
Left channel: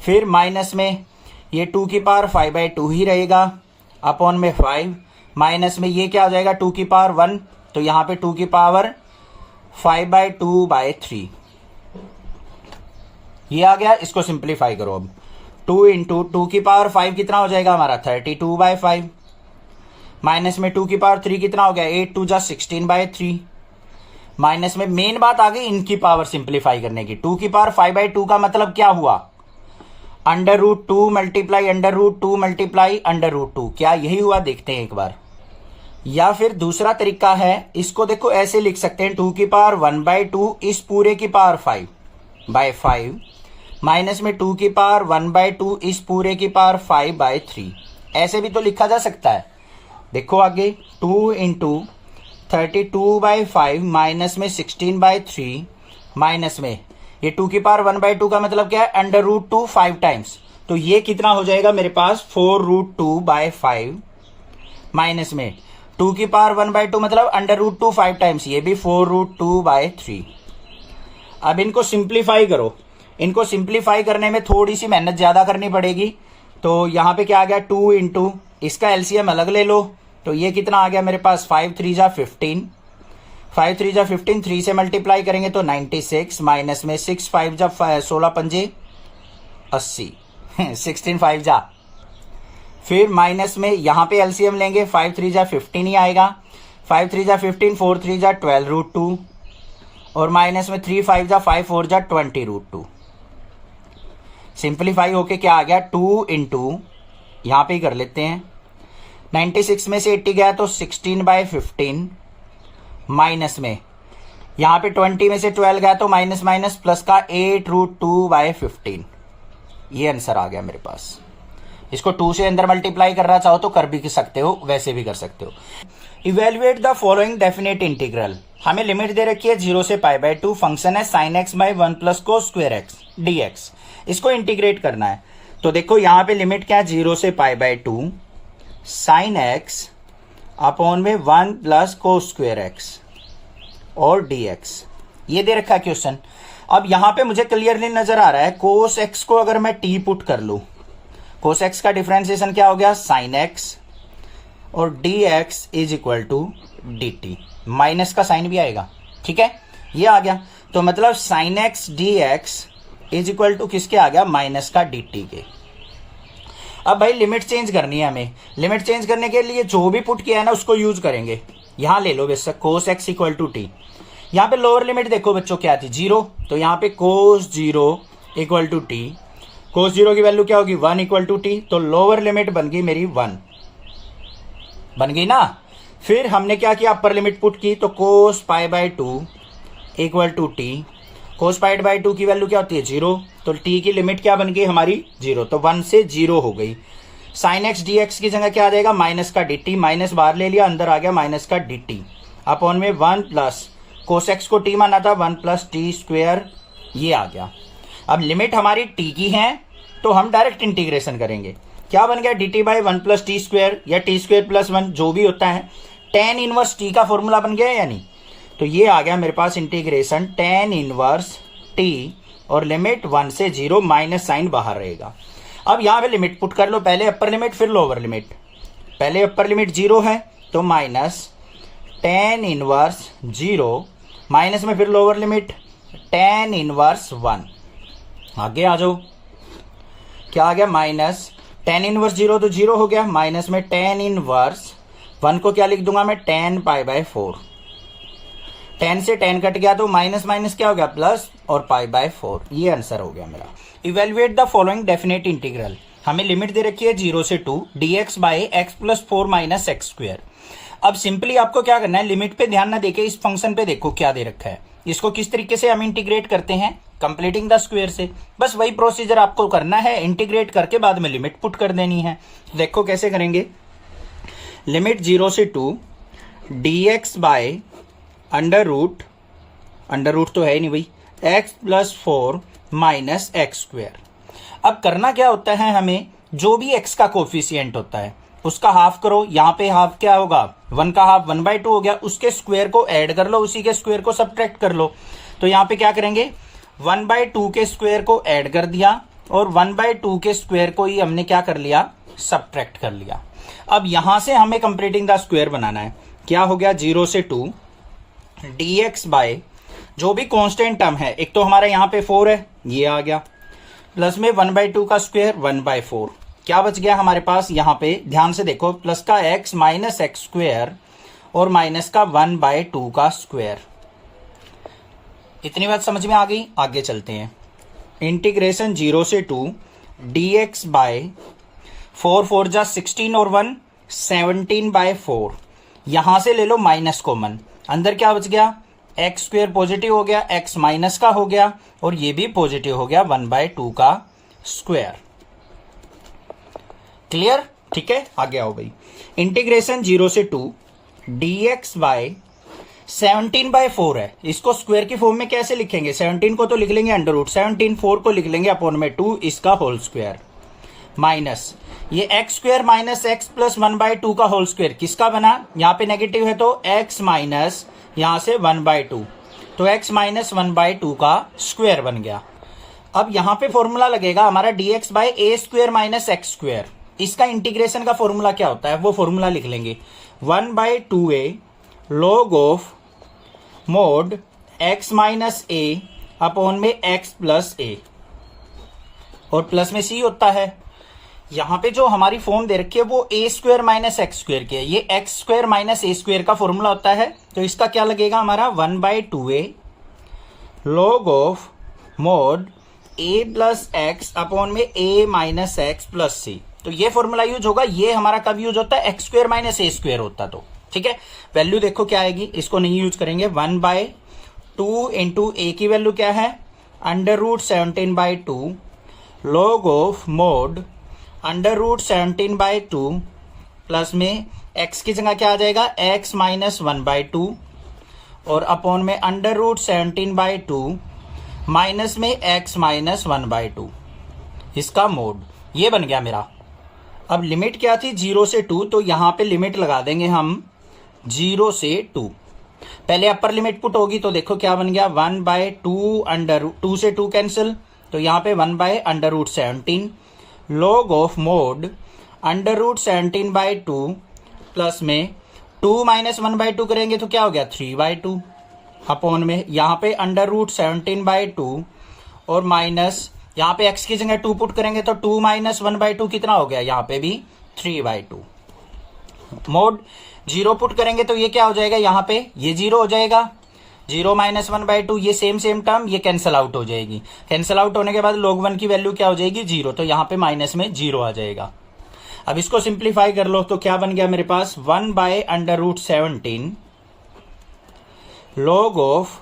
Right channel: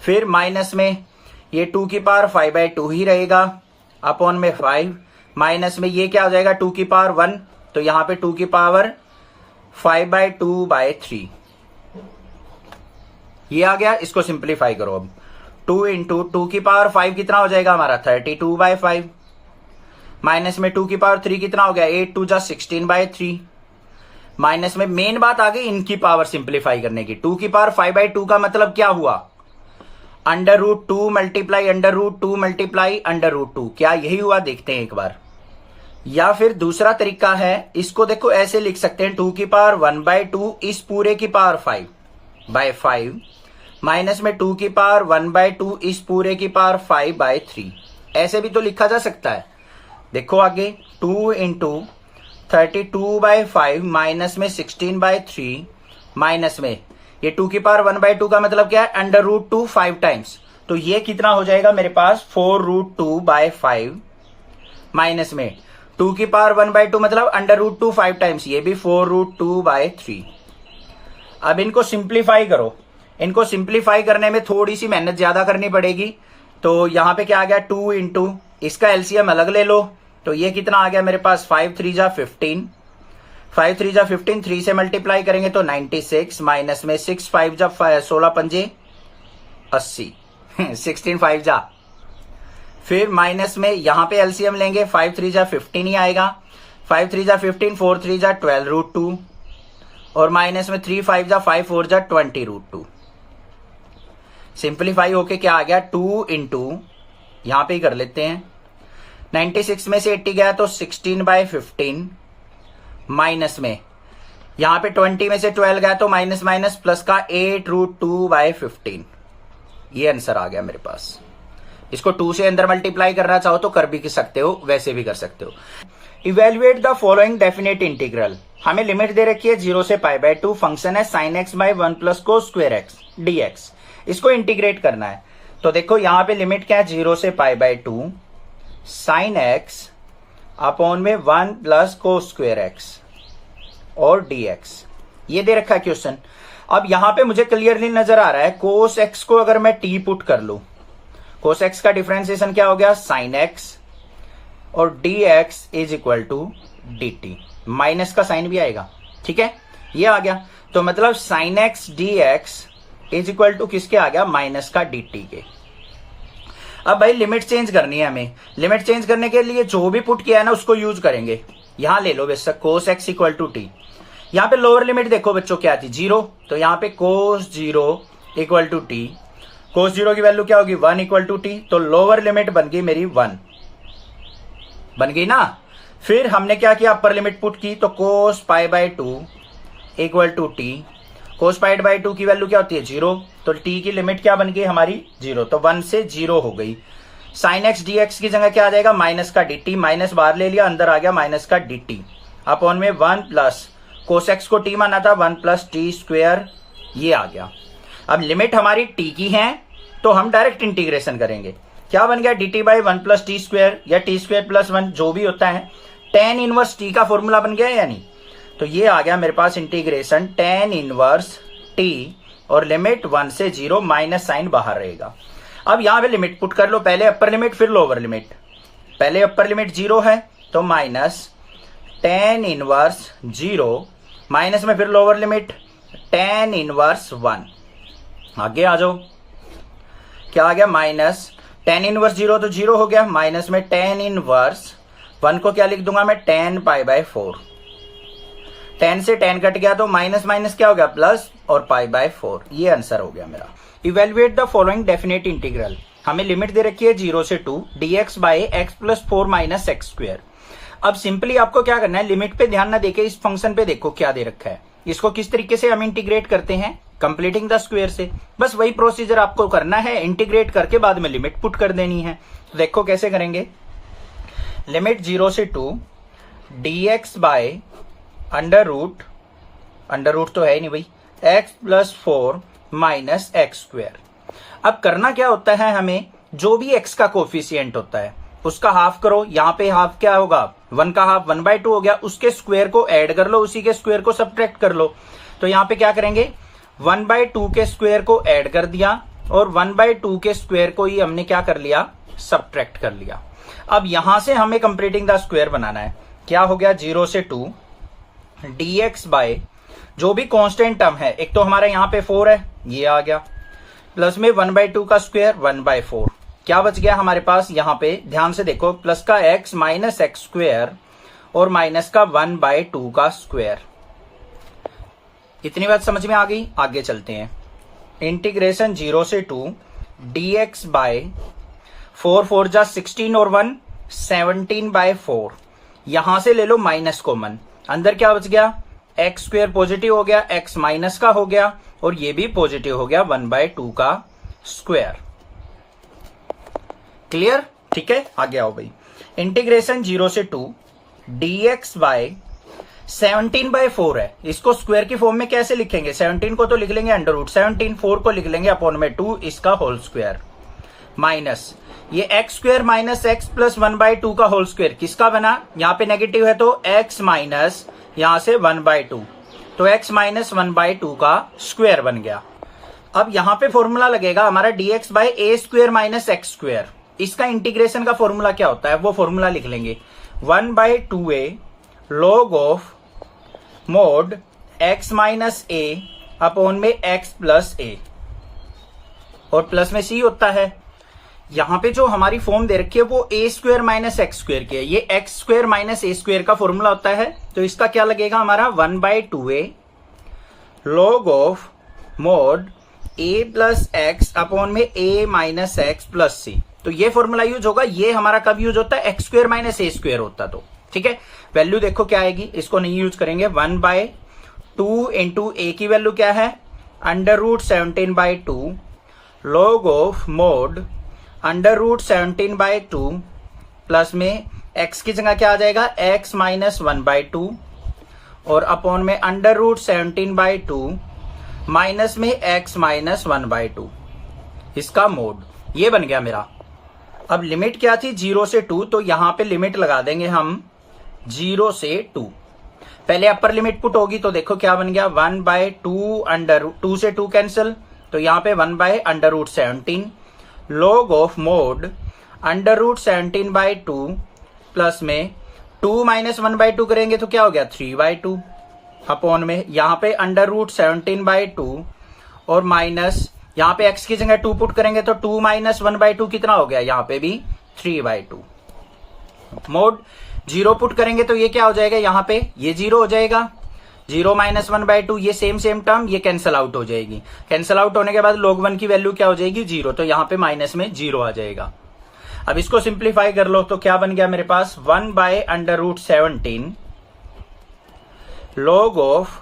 फिर माइनस में ये 2 की पावर 5/2 ही रहेगा अपोन में 5, माइनस में ये क्या हो जाएगा 2 की पावर 1, तो यहां पे 2 की पावर 5/2/3 ये आ गया। इसको सिंप्लीफाई करो, अब 2 इंटू 2 की पावर 5 कितना हो जाएगा हमारा 32/5, माइनस में 2 की पावर 3 कितना हो गया 8 2 जा 16/3, माइनस में मेन बात आ गई इनकी पावर सिंप्लीफाई करने की। 2 की पावर 5/2 का मतलब क्या हुआ, √2 मल्टीप्लाई √2 मल्टीप्लाई √2, क्या यही हुआ, देखते हैं एक बार। या फिर दूसरा तरीका है, इसको देखो ऐसे लिख सकते हैं 2 की पावर 1/2 इस पूरे की पावर 5/5, माइनस में 2 की पावर 1/2 इस पूरे की पावर 5/3, ऐसे भी तो लिखा जा सकता है। देखो आगे 2 इंटू 32/5 माइनस में 16/3, माइनस में ये 2 की पावर 1/2 का मतलब क्या है √2 5 टाइम्स, तो ये कितना हो जाएगा मेरे पास 4√2/5, माइनस में 2 की पावर 1/2 मतलब √2 5 टाइम्स, ये भी 4√2/3। अब इनको सिंप्लीफाई करो, इनको सिंप्लीफाई करने में थोड़ी सी मेहनत ज्यादा करनी पड़ेगी। तो यहां पे क्या आ गया 2 इंटू इसका एलसीएम अलग ले लो, तो ये कितना आ गया मेरे पास 5 3 जा 15, 5 3 जा 15, 3 से मल्टीप्लाई करेंगे तो 96, माइनस में 6 5 जा 16 पंजे 80 16 5 जा, फिर माइनस में यहां पे एलसीएम लेंगे 5 3 जा 15 ही आएगा, 5 3 जा 15, 4 3 जा 12√2 और माइनस में 3 5 जा 5 4 जा 20√2। सिंप्लीफाई होके क्या आ गया 2 इंटू यहां पे ही कर लेते हैं, 96 में से 80 गया तो 16/15, माइनस में यहां पे 20 में से 12 गया तो माइनस माइनस प्लस का 8√2/15, ये आंसर आ गया मेरे पास। इसको 2 से अंदर मल्टीप्लाई करना चाहो तो कर भी सकते हो, वैसे भी कर सकते हो। Evaluate the following definite integral, हमें लिमिट दे रखी है 0 से π/2, फंक्शन है sin x/1 + cos² x dx, इसको इंटीग्रेट करना है। तो देखो यहां पे लिमिट क्या है 0 से π/2 sin x अपॉन में 1 + cos² x और dx, ये दे रखा है क्वेश्चन। अब यहां पे मुझे क्लियरली नजर आ रहा है cos x को अगर मैं t पुट कर लू, cos x का डिफरेंशिएशन क्या हो गया sin x और dx = dt, माइनस का साइन भी आएगा, ठीक है ये आ गया। तो मतलब sin x dx = किसके आ गया माइनस का dt के। अब भाई लिमिट चेंज करनी है हमें, लिमिट चेंज करने के लिए जो भी पुट किया है ना उसको यूज करेंगे। यहां ले लो बेशक cos x = t, यहां पे लोअर लिमिट देखो बच्चों क्या थी 0, तो यहां पे cos 0 = t, cos 0 की वैल्यू क्या होगी 1 = t, तो लोअर लिमिट बन गई मेरी 1 बन गई ना। फिर हमने क्या किया अपर लिमिट पुट की, तो cos π/2 = t, cos π/2 की वैल्यू क्या होती है 0, तो t की लिमिट क्या बन गई हमारी 0, तो 1 से 0 हो गई। sin x dx की जगह क्या आ जाएगा माइनस का dt, माइनस बाहर ले लिया अंदर आ गया माइनस का dt अपॉन में 1 प्लस cos x को t माना था 1 + t², ये आ गया। अब लिमिट हमारी t की है तो हम डायरेक्ट इंटीग्रेशन करेंगे, क्या बन गया dt/1 + t² या t² + 1 जो भी होता है, tan 1 t का फॉर्मूला बन गया या नहीं, तो ये आ गया मेरे पास इंटीग्रेशन tan इनवर्स t और लिमिट 1 से 0 माइनस साइन बाहर रहेगा। अब यहां पे लिमिट पुट कर लो, पहले अपर लिमिट फिर लोअर लिमिट। पहले अपर लिमिट 0 है तो माइनस tan इनवर्स 0 माइनस में फिर लोअर लिमिट tan इनवर्स 1। आगे आ जाओ, क्या आ गया माइनस tan इनवर्स 0 तो 0 हो गया, माइनस में tan इनवर्स 1 को क्या लिख दूंगा मैं tan पाई बाय 4। tan से tan कट गया तो माइनस माइनस क्या हो गया प्लस और पाई बाय 4। ये आंसर हो गया मेरा। Evaluate the following definite integral. हमें लिमिट दे रखी है 0 से 2 dx by x plus 4 minus x square. अब सिंपली आपको क्या करना है, लिमिट पे ध्यान ना देके इस फंक्शन पे देखो क्या दे रखा है, इसको किस तरीके से हम इंटीग्रेट करते हैं, कंप्लीटिंग द स्क्वायर से। बस वही प्रोसीजर आपको करना है, इंटीग्रेट करके बाद में लिमिट पुट कर देनी है। तो देखो कैसे करेंगे, लिमिट 0 से 2 dx बाय अंडर रूट तो है ही नहीं भाई, x plus 4 minus x square. अब करना क्या होता है, हमें जो भी x का कोफिशिएंट होता है उसका हाफ करो। यहाँ पे हाफ क्या होगा, 1 का हाफ 1/2 हो गया, उसके स्क्वायर को ऐड कर लो, उसी के स्क्वायर को सब्ट्रैक्ट कर लो। तो यहाँ पे क्या करेंगे, 1/2 के स्क्वायर को ऐड कर दिया और 1/2 के स्क्वायर को ही हमने क्या कर लिया, सब्ट्रैक्ट कर लिया। अब यहां से हमें कंप्लीटिंग द स्क्वायर बनाना है। क्या हो गया, 0 से 2 dx बाय जो भी कांस्टेंट टर्म है, एक तो हमारा यहाँ पे 4 है, ये आ गया, प्लस में 1/2 का स्क्वायर 1/4। क्या बच गया हमारे पास, यहाँ पे ध्यान से देखो, प्लस का x माइनस एक्स स्क्वायर और माइनस का 1/2 का स्क्वायर। इतनी बात समझ में आ गई। आगे चलते हैं, इंटीग्रेशन 0 से 2 dx बाय 4 4 जा 16 और 1 17/4। यहां से ले लो माइनस कॉमन, अंदर क्या बच गया, एक्स स्क्वायर पॉजिटिव हो गया, एक्स माइनस का हो गया और ये भी पॉजिटिव हो गया 1/2 का स्क्वायर। क्लियर, ठीक है। आगे आओ भाई, इंटीग्रेशन 0 से 2 dx बाय 17/4 है, इसको स्क्वायर की फॉर्म में कैसे लिखेंगे, 17 को तो लिख लेंगे अंडर रूट 17, 4 को लिख लेंगे अपॉन में 2 इसका होल स्क्वायर, माइनस ये x square minus x plus 1/2 का होल स्क्वायर किसका बना, यहां पे नेगेटिव है तो एक्स माइनस यहां से 1/2, तो एक्स माइनस 1/2 का स्क्वायर बन गया। अब यहां पे फॉर्मूला लगेगा हमारा dx बाय ए स्क्वायर माइनस एक्स स्क्वायर। इसका इंटीग्रेशन का फॉर्मूला क्या होता है, वो फॉर्मूला लिख लेंगे, 1/2a log of mode x minus A upon में x प्लस ए और प्लस में c होता है। यहां पे जो हमारी फॉर्म दे रखी है वो ए स्क्वायर माइनस एक्स स्क्वायर की है, ये एक्स स्क्वायर माइनस ए स्क्वायर का फॉर्मूला होता है। तो इसका क्या लगेगा हमारा, 1/2a log of mode a plus x upon में a माइनस एक्स प्लस सी। तो ये फॉर्मूला यूज होगा, ये हमारा कब यूज होता है, एक्स स्क्वायर माइनस ए स्क्वायर होता तो, ठीक है। वैल्यू देखो क्या आएगी, इसको नहीं यूज करेंगे, 1/2 इंटू ए की वैल्यू क्या है, under root 17/2 log of mod under root 17/2 plus में x की जगह क्या आ जाएगा, x माइनस 1/2 और अपॉन में अंडर रूट 17/2 माइनस में x माइनस 1/2 इसका मोड। ये बन गया मेरा। अब लिमिट क्या थी, 0 से 2, तो यहां पे लिमिट लगा देंगे हम 0 से 2। पहले अपर लिमिट पुट होगी तो देखो क्या बन गया, 1/2 अंडर 2 से 2 कैंसिल, तो यहां पे 1/अंडर root 17 log of mod under root 17/2 plus में 2 माइनस 1/2 करेंगे तो क्या हो गया, 3/2 अपॉन में यहां पे अंडर रूट 17/2 और माइनस यहां पे x की जगह 2 पुट करेंगे तो 2 माइनस 1/2 कितना हो गया, यहां पे भी 3/2। मोड 0 पुट करेंगे तो ये क्या हो जाएगा, यहां पे ये 0 हो जाएगा, 0 माइनस 1/2 ये सेम टर्म ये कैंसल आउट हो जाएगी। कैंसल आउट होने के बाद log 1 की वैल्यू क्या हो जाएगी, 0, तो यहां पे माइनस में 0 आ जाएगा। अब इसको सिंप्लीफाई कर लो तो क्या बन गया मेरे पास, 1/अंडर रूट 17 log ऑफ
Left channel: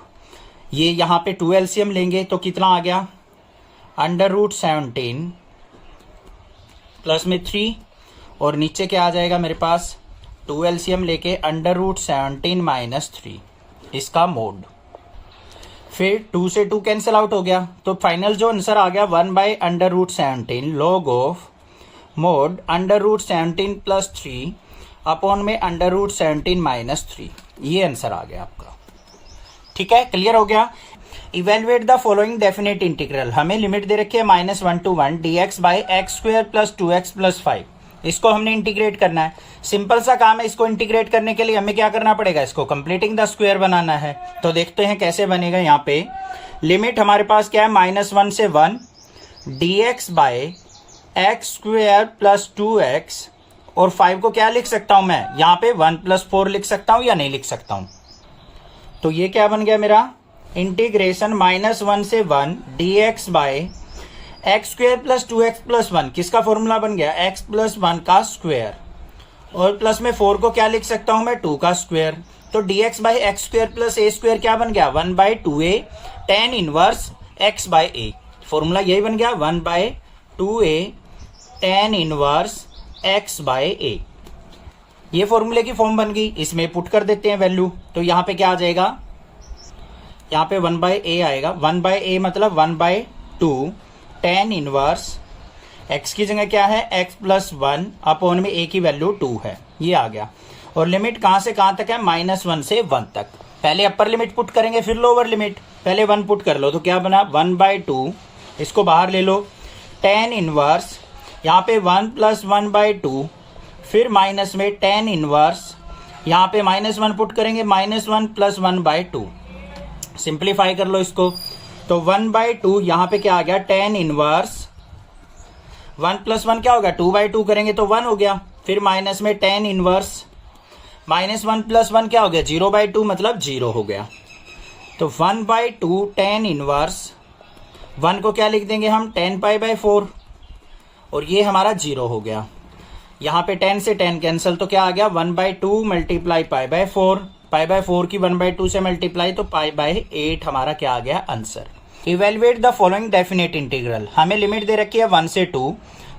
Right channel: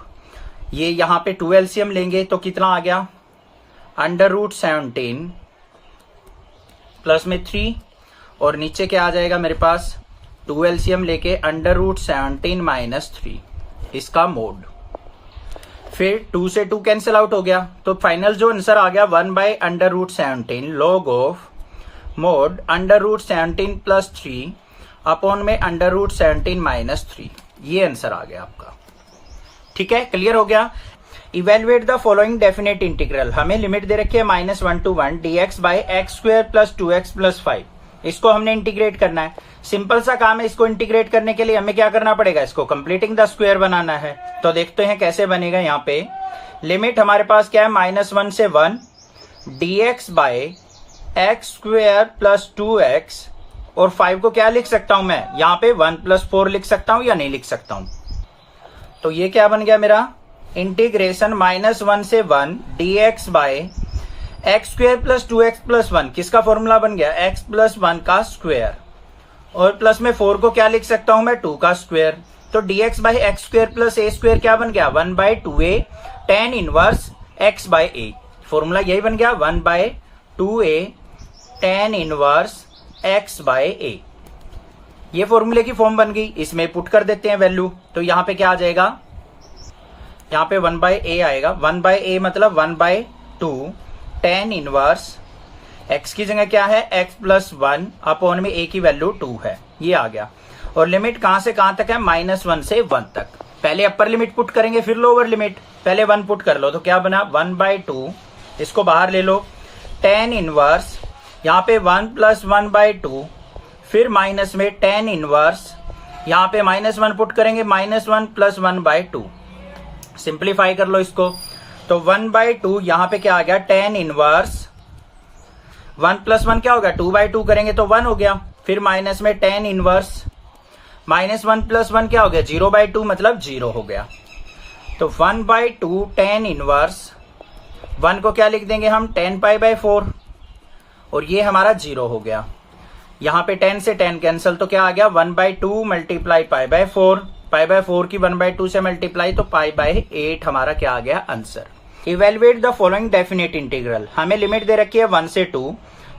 ये यहां पे 2 एलसीएम लेंगे तो कितना आ गया, अंडर रूट 17 प्लस में 3 और नीचे क्या आ जाएगा मेरे पास, 2 एलसीएम लेके अंडर रूट 17 माइनस 3 इसका मोड। फिर 2 से 2 कैंसिल आउट हो गया तो फाइनल जो आंसर आ गया 1/अंडर root 17 log of mod under root 17 plus 3 upon में अंडर रूट 17 माइनस 3। ये आंसर आ गया आपका। ठीक है, क्लियर हो गया। Evaluate the following definite integral, हमें लिमिट दे रखी है -1 to 1 dx by x square plus 2x plus 5। इसको हमने इंटीग्रेट करना है, सिंपल सा काम है। इसको इंटीग्रेट करने के लिए हमें क्या करना पड़ेगा, इसको कंप्लीटिंग द स्क्वायर बनाना है। तो देखते हैं कैसे बनेगा। यहाँ पे लिमिट हमारे पास क्या है, -1 से 1 dx by x square plus 2x, और 5 को क्या लिख सकता हूं मैं, यहाँ पे 1 + 4 लिख सकता हूं या नहीं लिख सकता हूं। तो ये क्या बन गया मेरा, इंटीग्रेशन -1 से 1 dx by x square plus 2x plus 1, किसका फॉर्मूला बन गया, x + 1 का स्क्वायर, और प्लस में 4 को क्या लिख सकता हूं मैं, 2 का स्क्वायर। तो dx by x square plus a square क्या बन गया, 1/2a tan inverse x by a। Formula यही बन गया, 1/2a tan inverse x by a। ये फॉर्मूले की फॉर्म बन गई, इसमें पुट कर देते हैं वैल्यू। तो यहाँ पे क्या आ जाएगा, यहाँ पे 1/a आएगा। 1/a मतलब 1/2 tan इनवर्स x की जगह क्या है, x + 1 अपॉन में a की वैल्यू 2 है, ये आ गया। और लिमिट कहां से कहां तक है, -1 से 1 तक। पहले अपर लिमिट पुट करेंगे फिर लोअर लिमिट, पहले 1 पुट कर लो। तो क्या बना, 1/2, इसको बाहर ले लो, tan इनवर्स यहाँ पे 1 + 1/2, फिर माइनस में tan इनवर्स, यहाँ पे -1 पुट करेंगे, -1 + 1/2। सिंप्लीफाई कर लो इसको, तो 1/2 यहाँ पे क्या आ गया, tan इनवर्स 1 + 1 क्या होगा, 2/2 करेंगे तो 1 हो गया। फिर माइनस में tan इनवर्स -1 + 1 क्या हो गया, 0/2 मतलब 0 हो गया। तो 1/2 tan इनवर्स, 1 को क्या लिख देंगे हम, tan π/4, और ये हमारा 0 हो गया। यहाँ पे 10 से 10 कैंसिल, तो क्या आ गया, 1/2 मल्टीप्लाई π/4, π/4 की 1/2 से मल्टीप्लाई, तो π/8 हमारा क्या आ गया, answer. Evaluate the following definite integral, हमें लिमिट दे रखी है 1 से 2,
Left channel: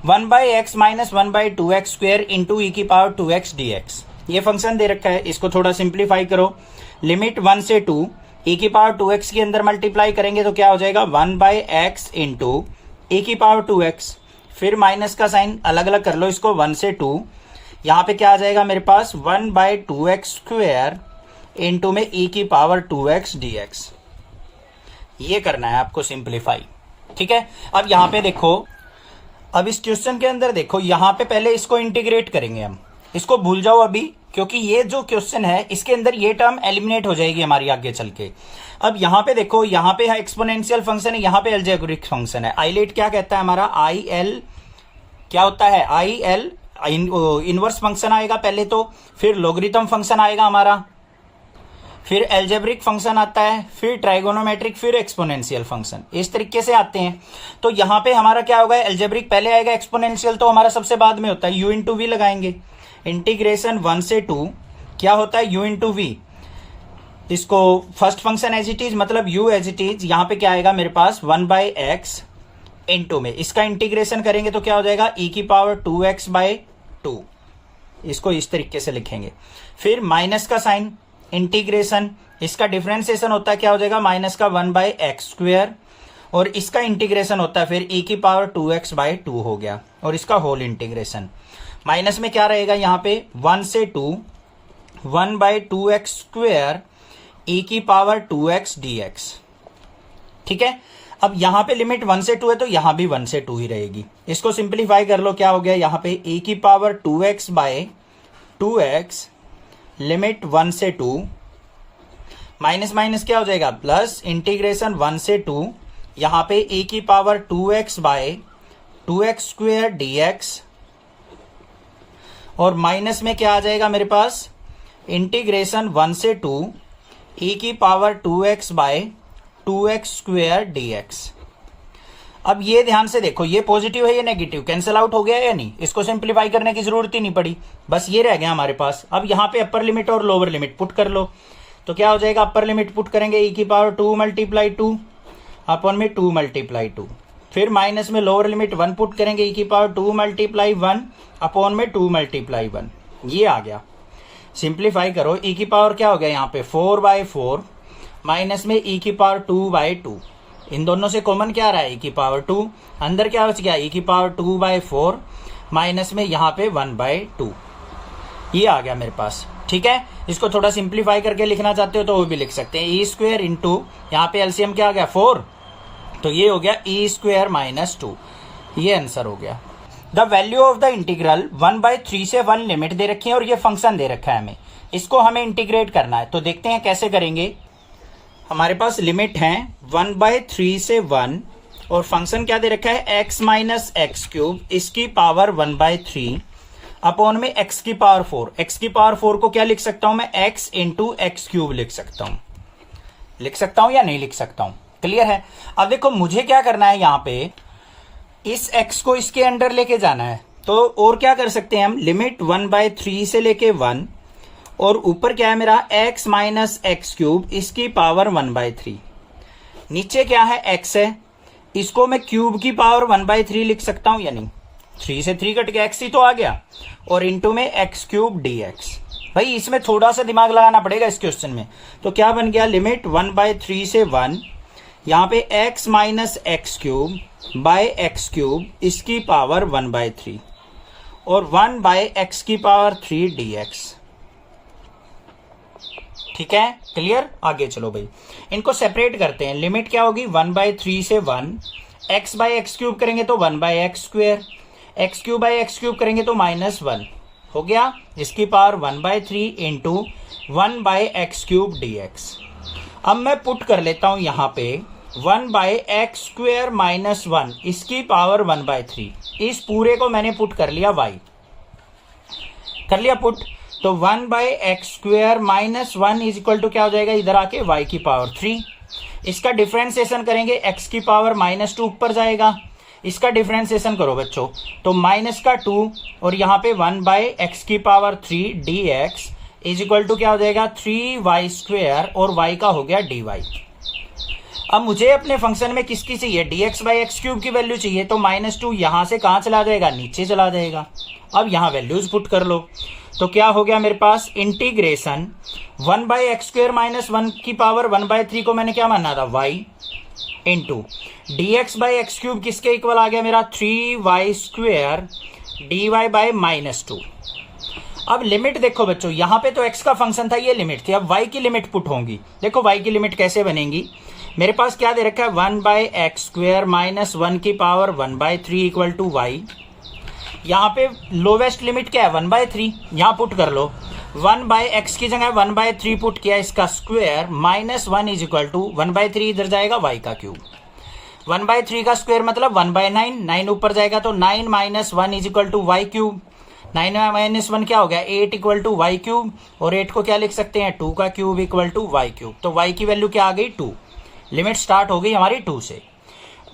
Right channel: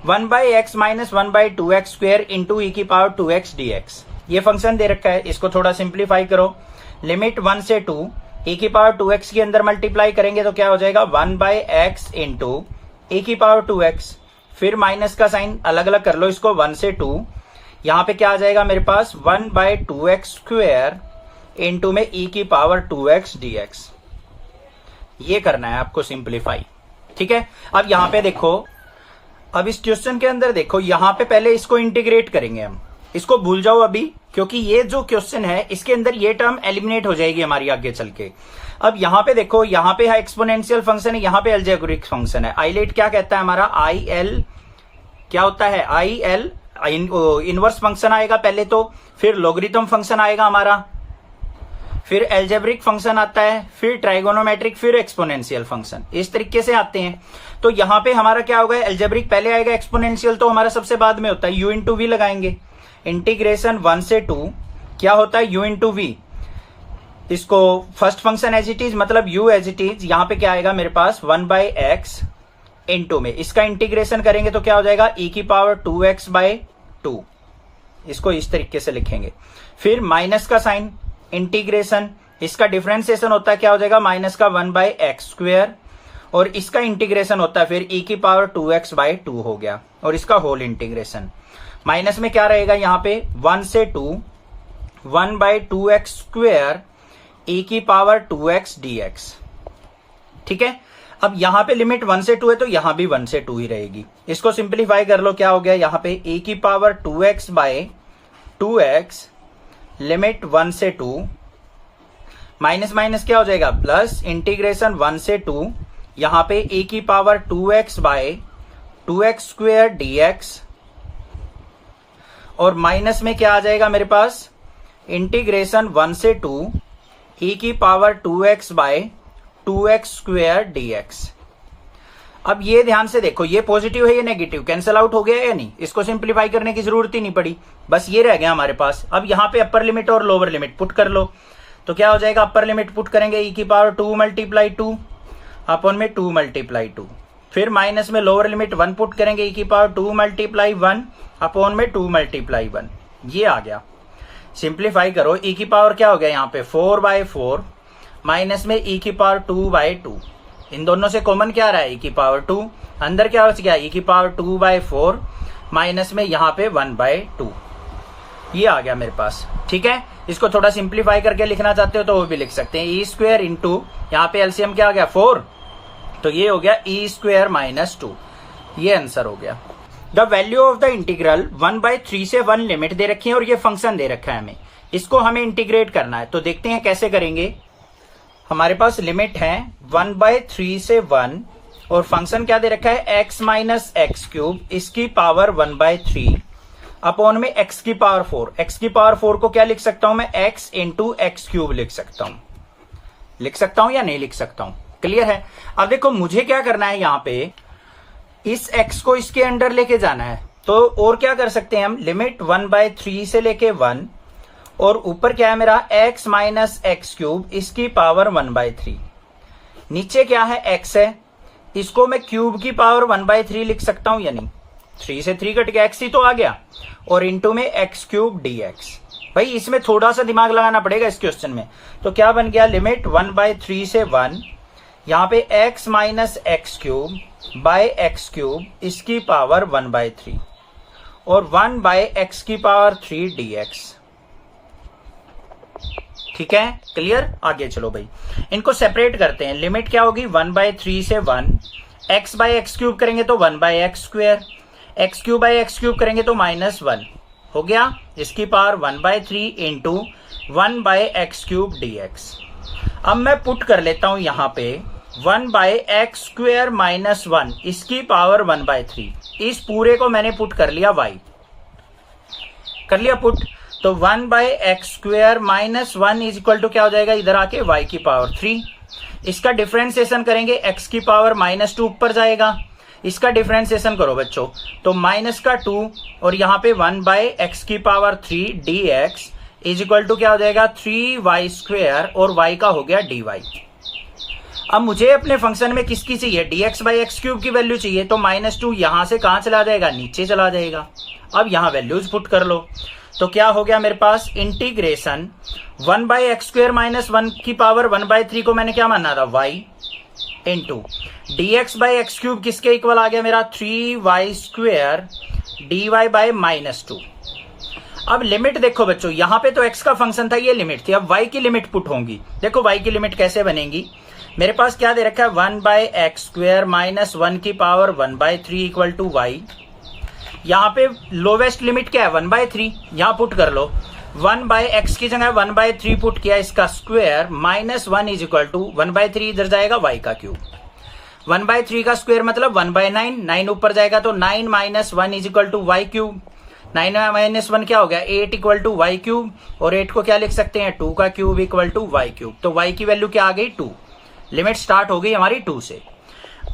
1/x - 1/2x square into e⁻2x dx। ये फंक्शन दे रखा है, इसको थोड़ा सिंप्लीफाई करो। लिमिट 1 से 2 e⁻2x के अंदर मल्टीप्लाई करेंगे तो क्या हो जाएगा, 1/x इंटू e⁻2x, फिर माइनस का साइन अलग अलग कर लो इसको, 1 से 2, यहां पे क्या आ जाएगा मेरे पास, 1/2x स्क्वायर इंटू में e⁻2x dx। ये करना है आपको सिंप्लीफाई, ठीक है। अब यहां पे देखो, अब इस क्वेश्चन के अंदर देखो, यहां पे पहले इसको इंटीग्रेट करेंगे हम, इसको भूल जाओ अभी, क्योंकि ये जो क्वेश्चन है इसके अंदर ये टर्म एलिमिनेट हो जाएगी हमारी आगे चल के। अब यहां पे देखो, यहां पे है एक्सपोनेंशियल फंक्शन है, यहां पे अलजेब्रिक फंक्शन है। आईलेट क्या कहता है हमारा, IL क्या होता है, IL इनवर्स फंक्शन आएगा पहले तो, फिर लॉगरिथम फंक्शन आएगा हमारा, फिर एल्जेब्रिक फंक्शन आता है, फिर ट्राइगोनोमेट्रिक, फिर एक्सपोनेंशियल फंक्शन, इस तरीके से आते हैं। तो यहां पे हमारा क्या होगा, एल्जेब्रिक पहले आएगा, एक्सपोनेंशियल तो हमारा सबसे बाद में होता है, u × v लगाएंगे। इंटीग्रेशन 1 से 2 क्या होता है, u × v, इसको first function as it is, मतलब u एज इट इज, यहां पे क्या आएगा मेरे पास, 1/x इंटू में इसका इंटीग्रेशन करेंगे तो क्या हो जाएगा, e⁻2x/2, इसको इस तरीके से लिखेंगे। फिर माइनस का साइन, इंटीग्रेशन, इसका डिफरेंशिएशन होता है, क्या हो जाएगा, -1/x स्क्वायर, और इसका इंटीग्रेशन होता है फिर e⁻2x/2 हो गया, और इसका होल इंटीग्रेशन। माइनस में क्या रहेगा, यहां पे 1 से 2 1/2x स्क्वायर e⁻2x dx, ठीक है। अब यहां पे लिमिट 1 से 2 है तो यहां भी 1 से 2 ही रहेगी। इसको सिंप्लीफाई कर लो, क्या हो गया, यहां पे e⁻2x/2x लिमिट 1 से 2, माइनस माइनस क्या हो जाएगा, प्लस, इंटीग्रेशन 1 से 2, यहां पे e⁻2x/2x स्क्वायर dx, और माइनस में क्या आ जाएगा मेरे पास, इंटीग्रेशन 1 से 2 e⁻2x/2x स्क्वायर dx। अब ये ध्यान से देखो, ये पॉजिटिव है, ये नेगेटिव, कैंसिल आउट हो गया या नहीं, इसको सिंप्लीफाई करने की जरूरत ही नहीं पड़ी, बस ये रह गया हमारे पास। अब यहां पे अपर लिमिट और लोअर लिमिट पुट कर लो, तो क्या हो जाएगा, अपर लिमिट पुट करेंगे e⁻2 × 2 अपॉन में 2 × 2, फिर माइनस में लोअर लिमिट 1 पुट करेंगे e⁻2 × 1 अपॉन में 2 × 1, ये आ गया। सिंप्लीफाई करो, e की पावर क्या हो गया, यहाँ पे 4/4 माइनस में e⁻2/2, इन दोनों से कॉमन क्या रहा है, e⁻2, अंदर क्या हो गया, e⁻2/4 माइनस में यहाँ पे 1/2। ये आ गया मेरे पास। ठीक है, इसको थोड़ा सिंप्लीफाई करके लिखना चाहते हो तो वो भी लिख सकते हैं। ई स्क्वायर इंटू यहाँ पे एलसीएम क्या आ गया 4, तो ये हो गया ई स्क्वायर माइनस 2। ये आंसर हो गया। The value of the integral 1/3 से 1 लिमिट दे रखी है और ये फंक्शन दे रखा है हमें, इसको हमें इंटीग्रेट करना है। तो देखते हैं कैसे करेंगे। हमारे पास लिमिट है 1/3 से 1 और फंक्शन क्या दे रखा है x माइनस एक्स क्यूब इसकी पावर 1/3 अपॉन में x की पावर 4। x की पावर 4 को क्या लिख सकता हूं मैं, x इंटू एक्स क्यूब लिख सकता हूं या नहीं लिख सकता हूं? क्लियर है। अब देखो मुझे क्या करना है, यहां पे इस x को इसके अंडर लेके जाना है। तो और क्या कर सकते हैं हम, लिमिट 1/3 से लेके 1 और ऊपर क्या है मेरा x माइनस एक्स क्यूब इसकी पावर 1/3। नीचे क्या है x है, इसको मैं क्यूब की पावर 1/3 लिख सकता हूं या नहीं? 3 से 3 कट के x ही तो आ गया और इंटू में एक्स क्यूब dx। भाई इसमें थोड़ा सा दिमाग लगाना पड़ेगा इस क्वेश्चन में। तो क्या बन गया, लिमिट 1/3 से 1 यहां पे x minus x cube by x cube इसकी पावर 1/3 और 1 बाय एक्स की पावर 3 dx। ठीक है, क्लियर। आगे चलो भाई, इनको सेपरेट करते हैं। लिमिट क्या होगी 1/3 से 1, x बाय एक्स क्यूब करेंगे तो 1 by x square, x cube by x cube करेंगे तो -1 हो गया, इसकी power 1/3 into 1 by x cube dx। अब मैं पुट कर लेता हूं यहां पे 1 बाय एक्स स्क्वायर माइनस 1 इसकी पावर 1/3। इस पूरे को मैंने पुट कर लिया y, कर लिया पुट। तो 1 by x square minus 1 is equal to क्या हो जाएगा, इधर आके y की पावर 3। इसका डिफरेंशिएशन करेंगे, x की पावर -2 ऊपर जाएगा, इसका डिफरेंशिएशन करो बच्चों, तो माइनस का 2 और यहाँ पे 1 बाय एक्स की power 3 dx is equal to क्या हो जाएगा 3y स्क्वायर और y का हो गया dy। अब मुझे अपने फंक्शन में किसकी चाहिए, dx बाई एक्स क्यूब की वैल्यू चाहिए। तो -2 यहां से कहां चला जाएगा, नीचे चला जाएगा। अब यहां वैल्यूज पुट कर लो, तो क्या हो गया मेरे पास, integration 1 by x square minus 1 की पावर 1/3 को मैंने क्या माना था y into dx by x cube किसके इक्वल आ गया मेरा 3y स्क्वायर dy बाई -2। अब लिमिट देखो बच्चों, यहां पे तो x का फंक्शन था, ये लिमिट थी। अब y की लिमिट पुट होंगी। देखो y की लिमिट कैसे बनेगी, मेरे पास क्या दे रखा है 1 बाय एक्स स्क्वायर माइनस 1 की पावर 1/3 इक्वल टू y। यहाँ पे लोवेस्ट लिमिट क्या है 1/3, यहां पुट कर लो। 1 बाय एक्स की जगह 1/3 पुट किया, इसका स्क्वायर -1 इज इक्वल टू 1/3 इधर जाएगा y का क्यूब। 1/3 का स्क्वायर मतलब 1/9, 9 ऊपर जाएगा तो 9 minus 1 is equal to y cube. 9 minus 1 क्या हो गया 8 इक्वल टू y क्यूब, और 8 को क्या लिख सकते हैं 2 का cube equal to y cube. तो y की वैल्यू क्या आ गई 2। लिमिट स्टार्ट हो गई हमारी 2 से।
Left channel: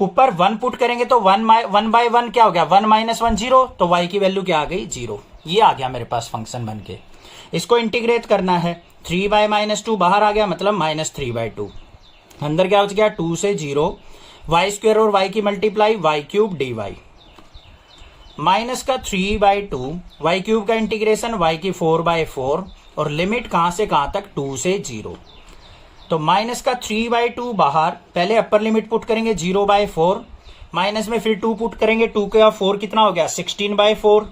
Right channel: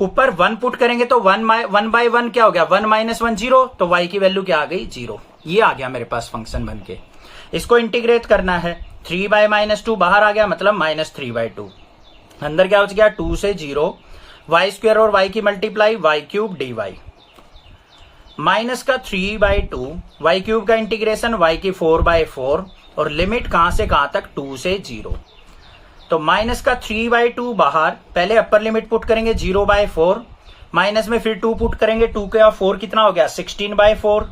ऊपर 1 पुट करेंगे तो 1 बाय 1 क्या हो गया 1 माइनस 1 0, तो y की वैल्यू क्या आ गई 0। ये आ गया मेरे पास फंक्शन बन के। इसको इंटीग्रेट करना है, 3 बाय -2 बाहर आ गया मतलब -3/2। अंदर क्या हो गया 2 से 0, y स्क्वायर और y की multiply y cube dy minus का 3/2, y क्यूब का इंटीग्रेशन y की 4/4 और लिमिट कहां से कहां तक 2 से 0। तो माइनस का 3/2 बाहर, पहले अपर लिमिट पुट करेंगे 0/4, माइनस में फिर 2 पुट करेंगे, 2 का 4 कितना हो गया 16/4।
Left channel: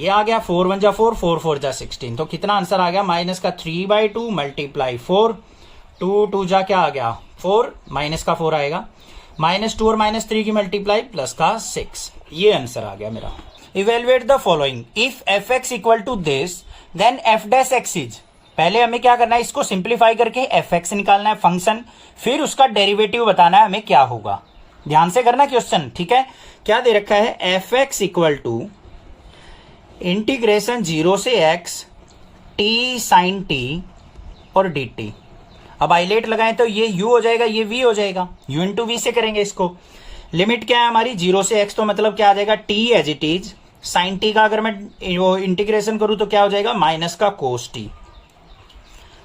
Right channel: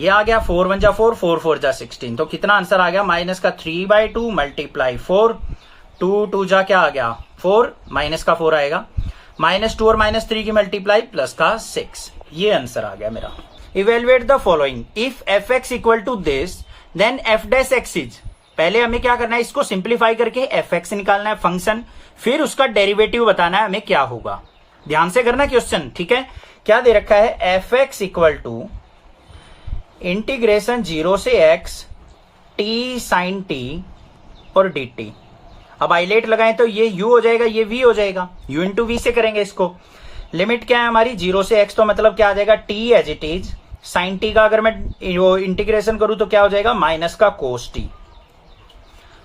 ये आ गया 4 1 जा 4, 4 4 जा 16, तो कितना आंसर आ गया माइनस का 3/2 मल्टीप्लाई 4, 2 2 जा क्या आ गया 4, माइनस का 4 आएगा, -2 और -3 की मल्टीप्लाई प्लस का 6। ये आंसर आ गया मेरा। Evaluate the following, if F X equal to this then F dash X is. पहले हमें क्या करना है, इसको सिंप्लीफाई करके एफ एक्स निकालना है फंक्शन, फिर उसका डेरिवेटिव बताना है हमें क्या होगा। ध्यान से करना क्वेश्चन, ठीक है। क्या दे रखा है, F X equal to integration 0 से x t साइन t और dt। अब आइलेट लगाएं तो ये u हो जाएगा, ये v हो जाएगा, u इंटू वी से करेंगे इसको। लिमिट क्या है हमारी 0 से x, तो मतलब क्या आ जाएगा t as it is, sine t का अगर मैं इंटीग्रेशन करूं तो क्या हो जाएगा माइनस का कोस t,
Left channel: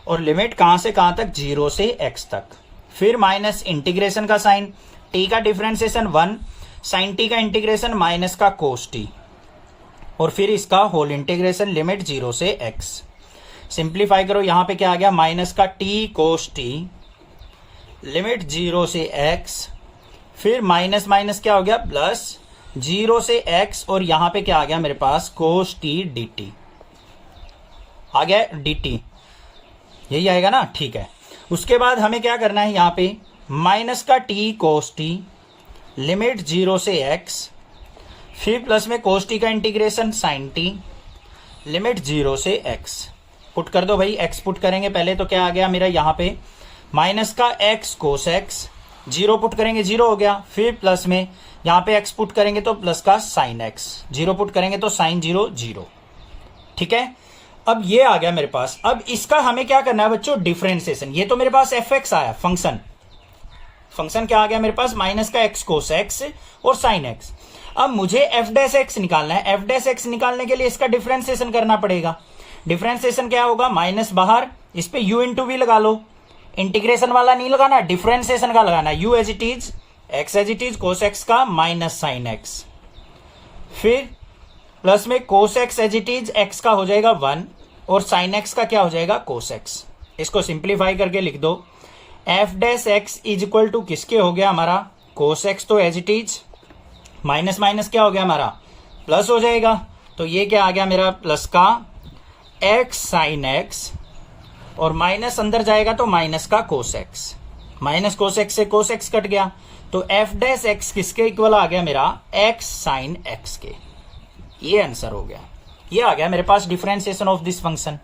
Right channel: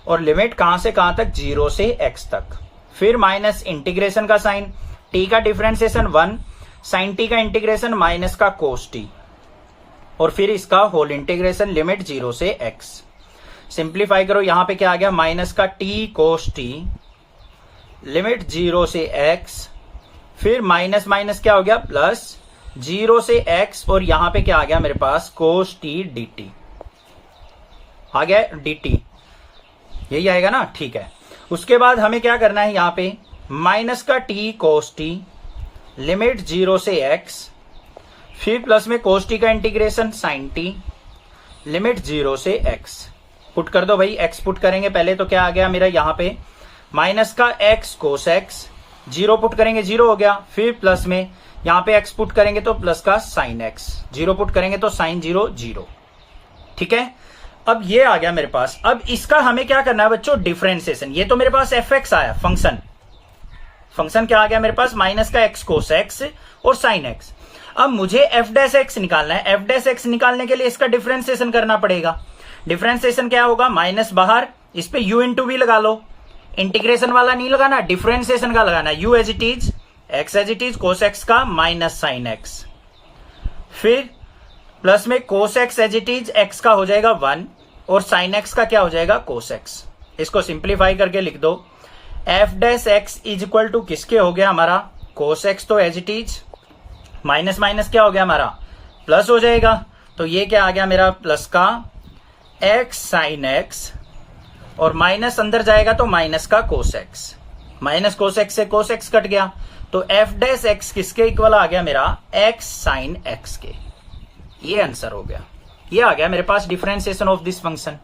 और लिमिट कहां से कहां तक 0 से x तक। फिर माइनस इंटीग्रेशन का साइन, t का डिफरेंशिएशन 1, साइन t का इंटीग्रेशन माइनस का कोस t, और फिर इसका होल इंटीग्रेशन लिमिट 0 से x। सिंप्लीफाई करो, यहां पे क्या आ गया माइनस का t कोस t, लिमिट 0 से x, फिर माइनस माइनस क्या हो गया प्लस 0 से x, और यहां पे क्या आ गया मेरे पास कोस t dt। आ गया dt, यही आएगा ना, ठीक है। उसके बाद हमें क्या करना है यहां पे, माइनस का t cos t, लिमिट 0 से x, फिर प्लस में cos t का इंटीग्रेशन sin t, लिमिट 0 से x। पुट कर दो भाई, x पुट करेंगे पहले तो क्या आ गया मेरा यहाँ पे, माइनस का x cos x, 0 पुट करेंगे 0 हो गया, फिर प्लस में यहाँ पे x पुट करेंगे तो प्लस का sin x, 0 पुट करेंगे तो sin 0 0, ठीक है। अब ये आ गया मेरे पास। अब इसका हमें क्या करना है बच्चों, डिफरेंशिएशन। ये तो मेरे पास fx आया, फंक्शन क्या आ गया मेरे पास, माइनस का x cos x और sin x। अब मुझे f डैश x निकालना है, f डैश x निकालने के लिए इसका डिफरेंशिएशन करना पड़ेगा। डिफरेंशिएशन क्या होगा, माइनस बाहर, इस पे u इंटू v लगा लो, इंटीग्रेशन वाला नहीं लगाना, डिफरेंशिएशन का लगाना, u as it is, x as it is, cos x का माइनस sin x, फिर प्लस में cos x as it is, x का हो जाएगा 1 और sin x का क्या हो जाएगा cos x। इसको सिंप्लीफाई करके लिख दो, f dash x is equal to किसके हो गया हमारा, cos x तो as it is, minus minus क्या हो गया हमारा प्लस हो जाएगा, तो ये क्या आ गया मेरा प्लस का x sin x और माइनस अंदर जाएगा तो माइनस का cos x, minus cos x से cos x कट गया, तो f डैश x किसके इक्वल आ गया मेरा, x sin x के। ये आंसर हो गया, ये आ गया मेरे पास डिफरेंशिएशन ऑफ दिस फंक्शन।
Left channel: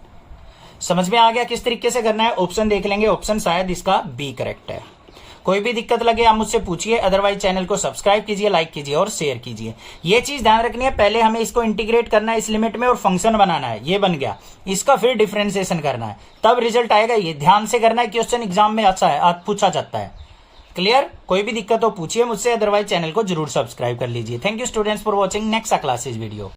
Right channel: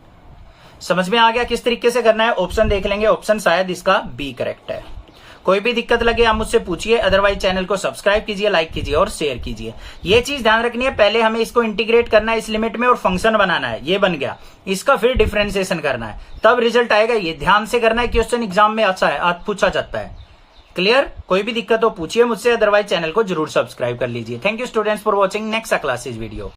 समझ में आ गया किस तरीके से करना है, ऑप्शन देख लेंगे, ऑप्शन शायद इसका बी करेक्ट है। कोई भी दिक्कत लगे आप मुझसे पूछिए, अदरवाइज चैनल को सब्सक्राइब कीजिए, लाइक कीजिए और शेयर कीजिए। ये चीज ध्यान रखनी है, पहले हमें इसको इंटीग्रेट करना है इस लिमिट में और फंक्शन बनाना है, ये बन गया, इसका फिर डिफरेंशिएशन करना है, तब रिजल्ट आएगा। ये ध्यान से करना है, क्वेश्चन एग्जाम में अच्छा है, पूछा जाता है। क्लियर? कोई भी दिक्कत हो पूछिए मुझसे, अदरवाइज चैनल को जरूर सब्सक्राइब कर लीजिए। Thank you students for watching next classes video.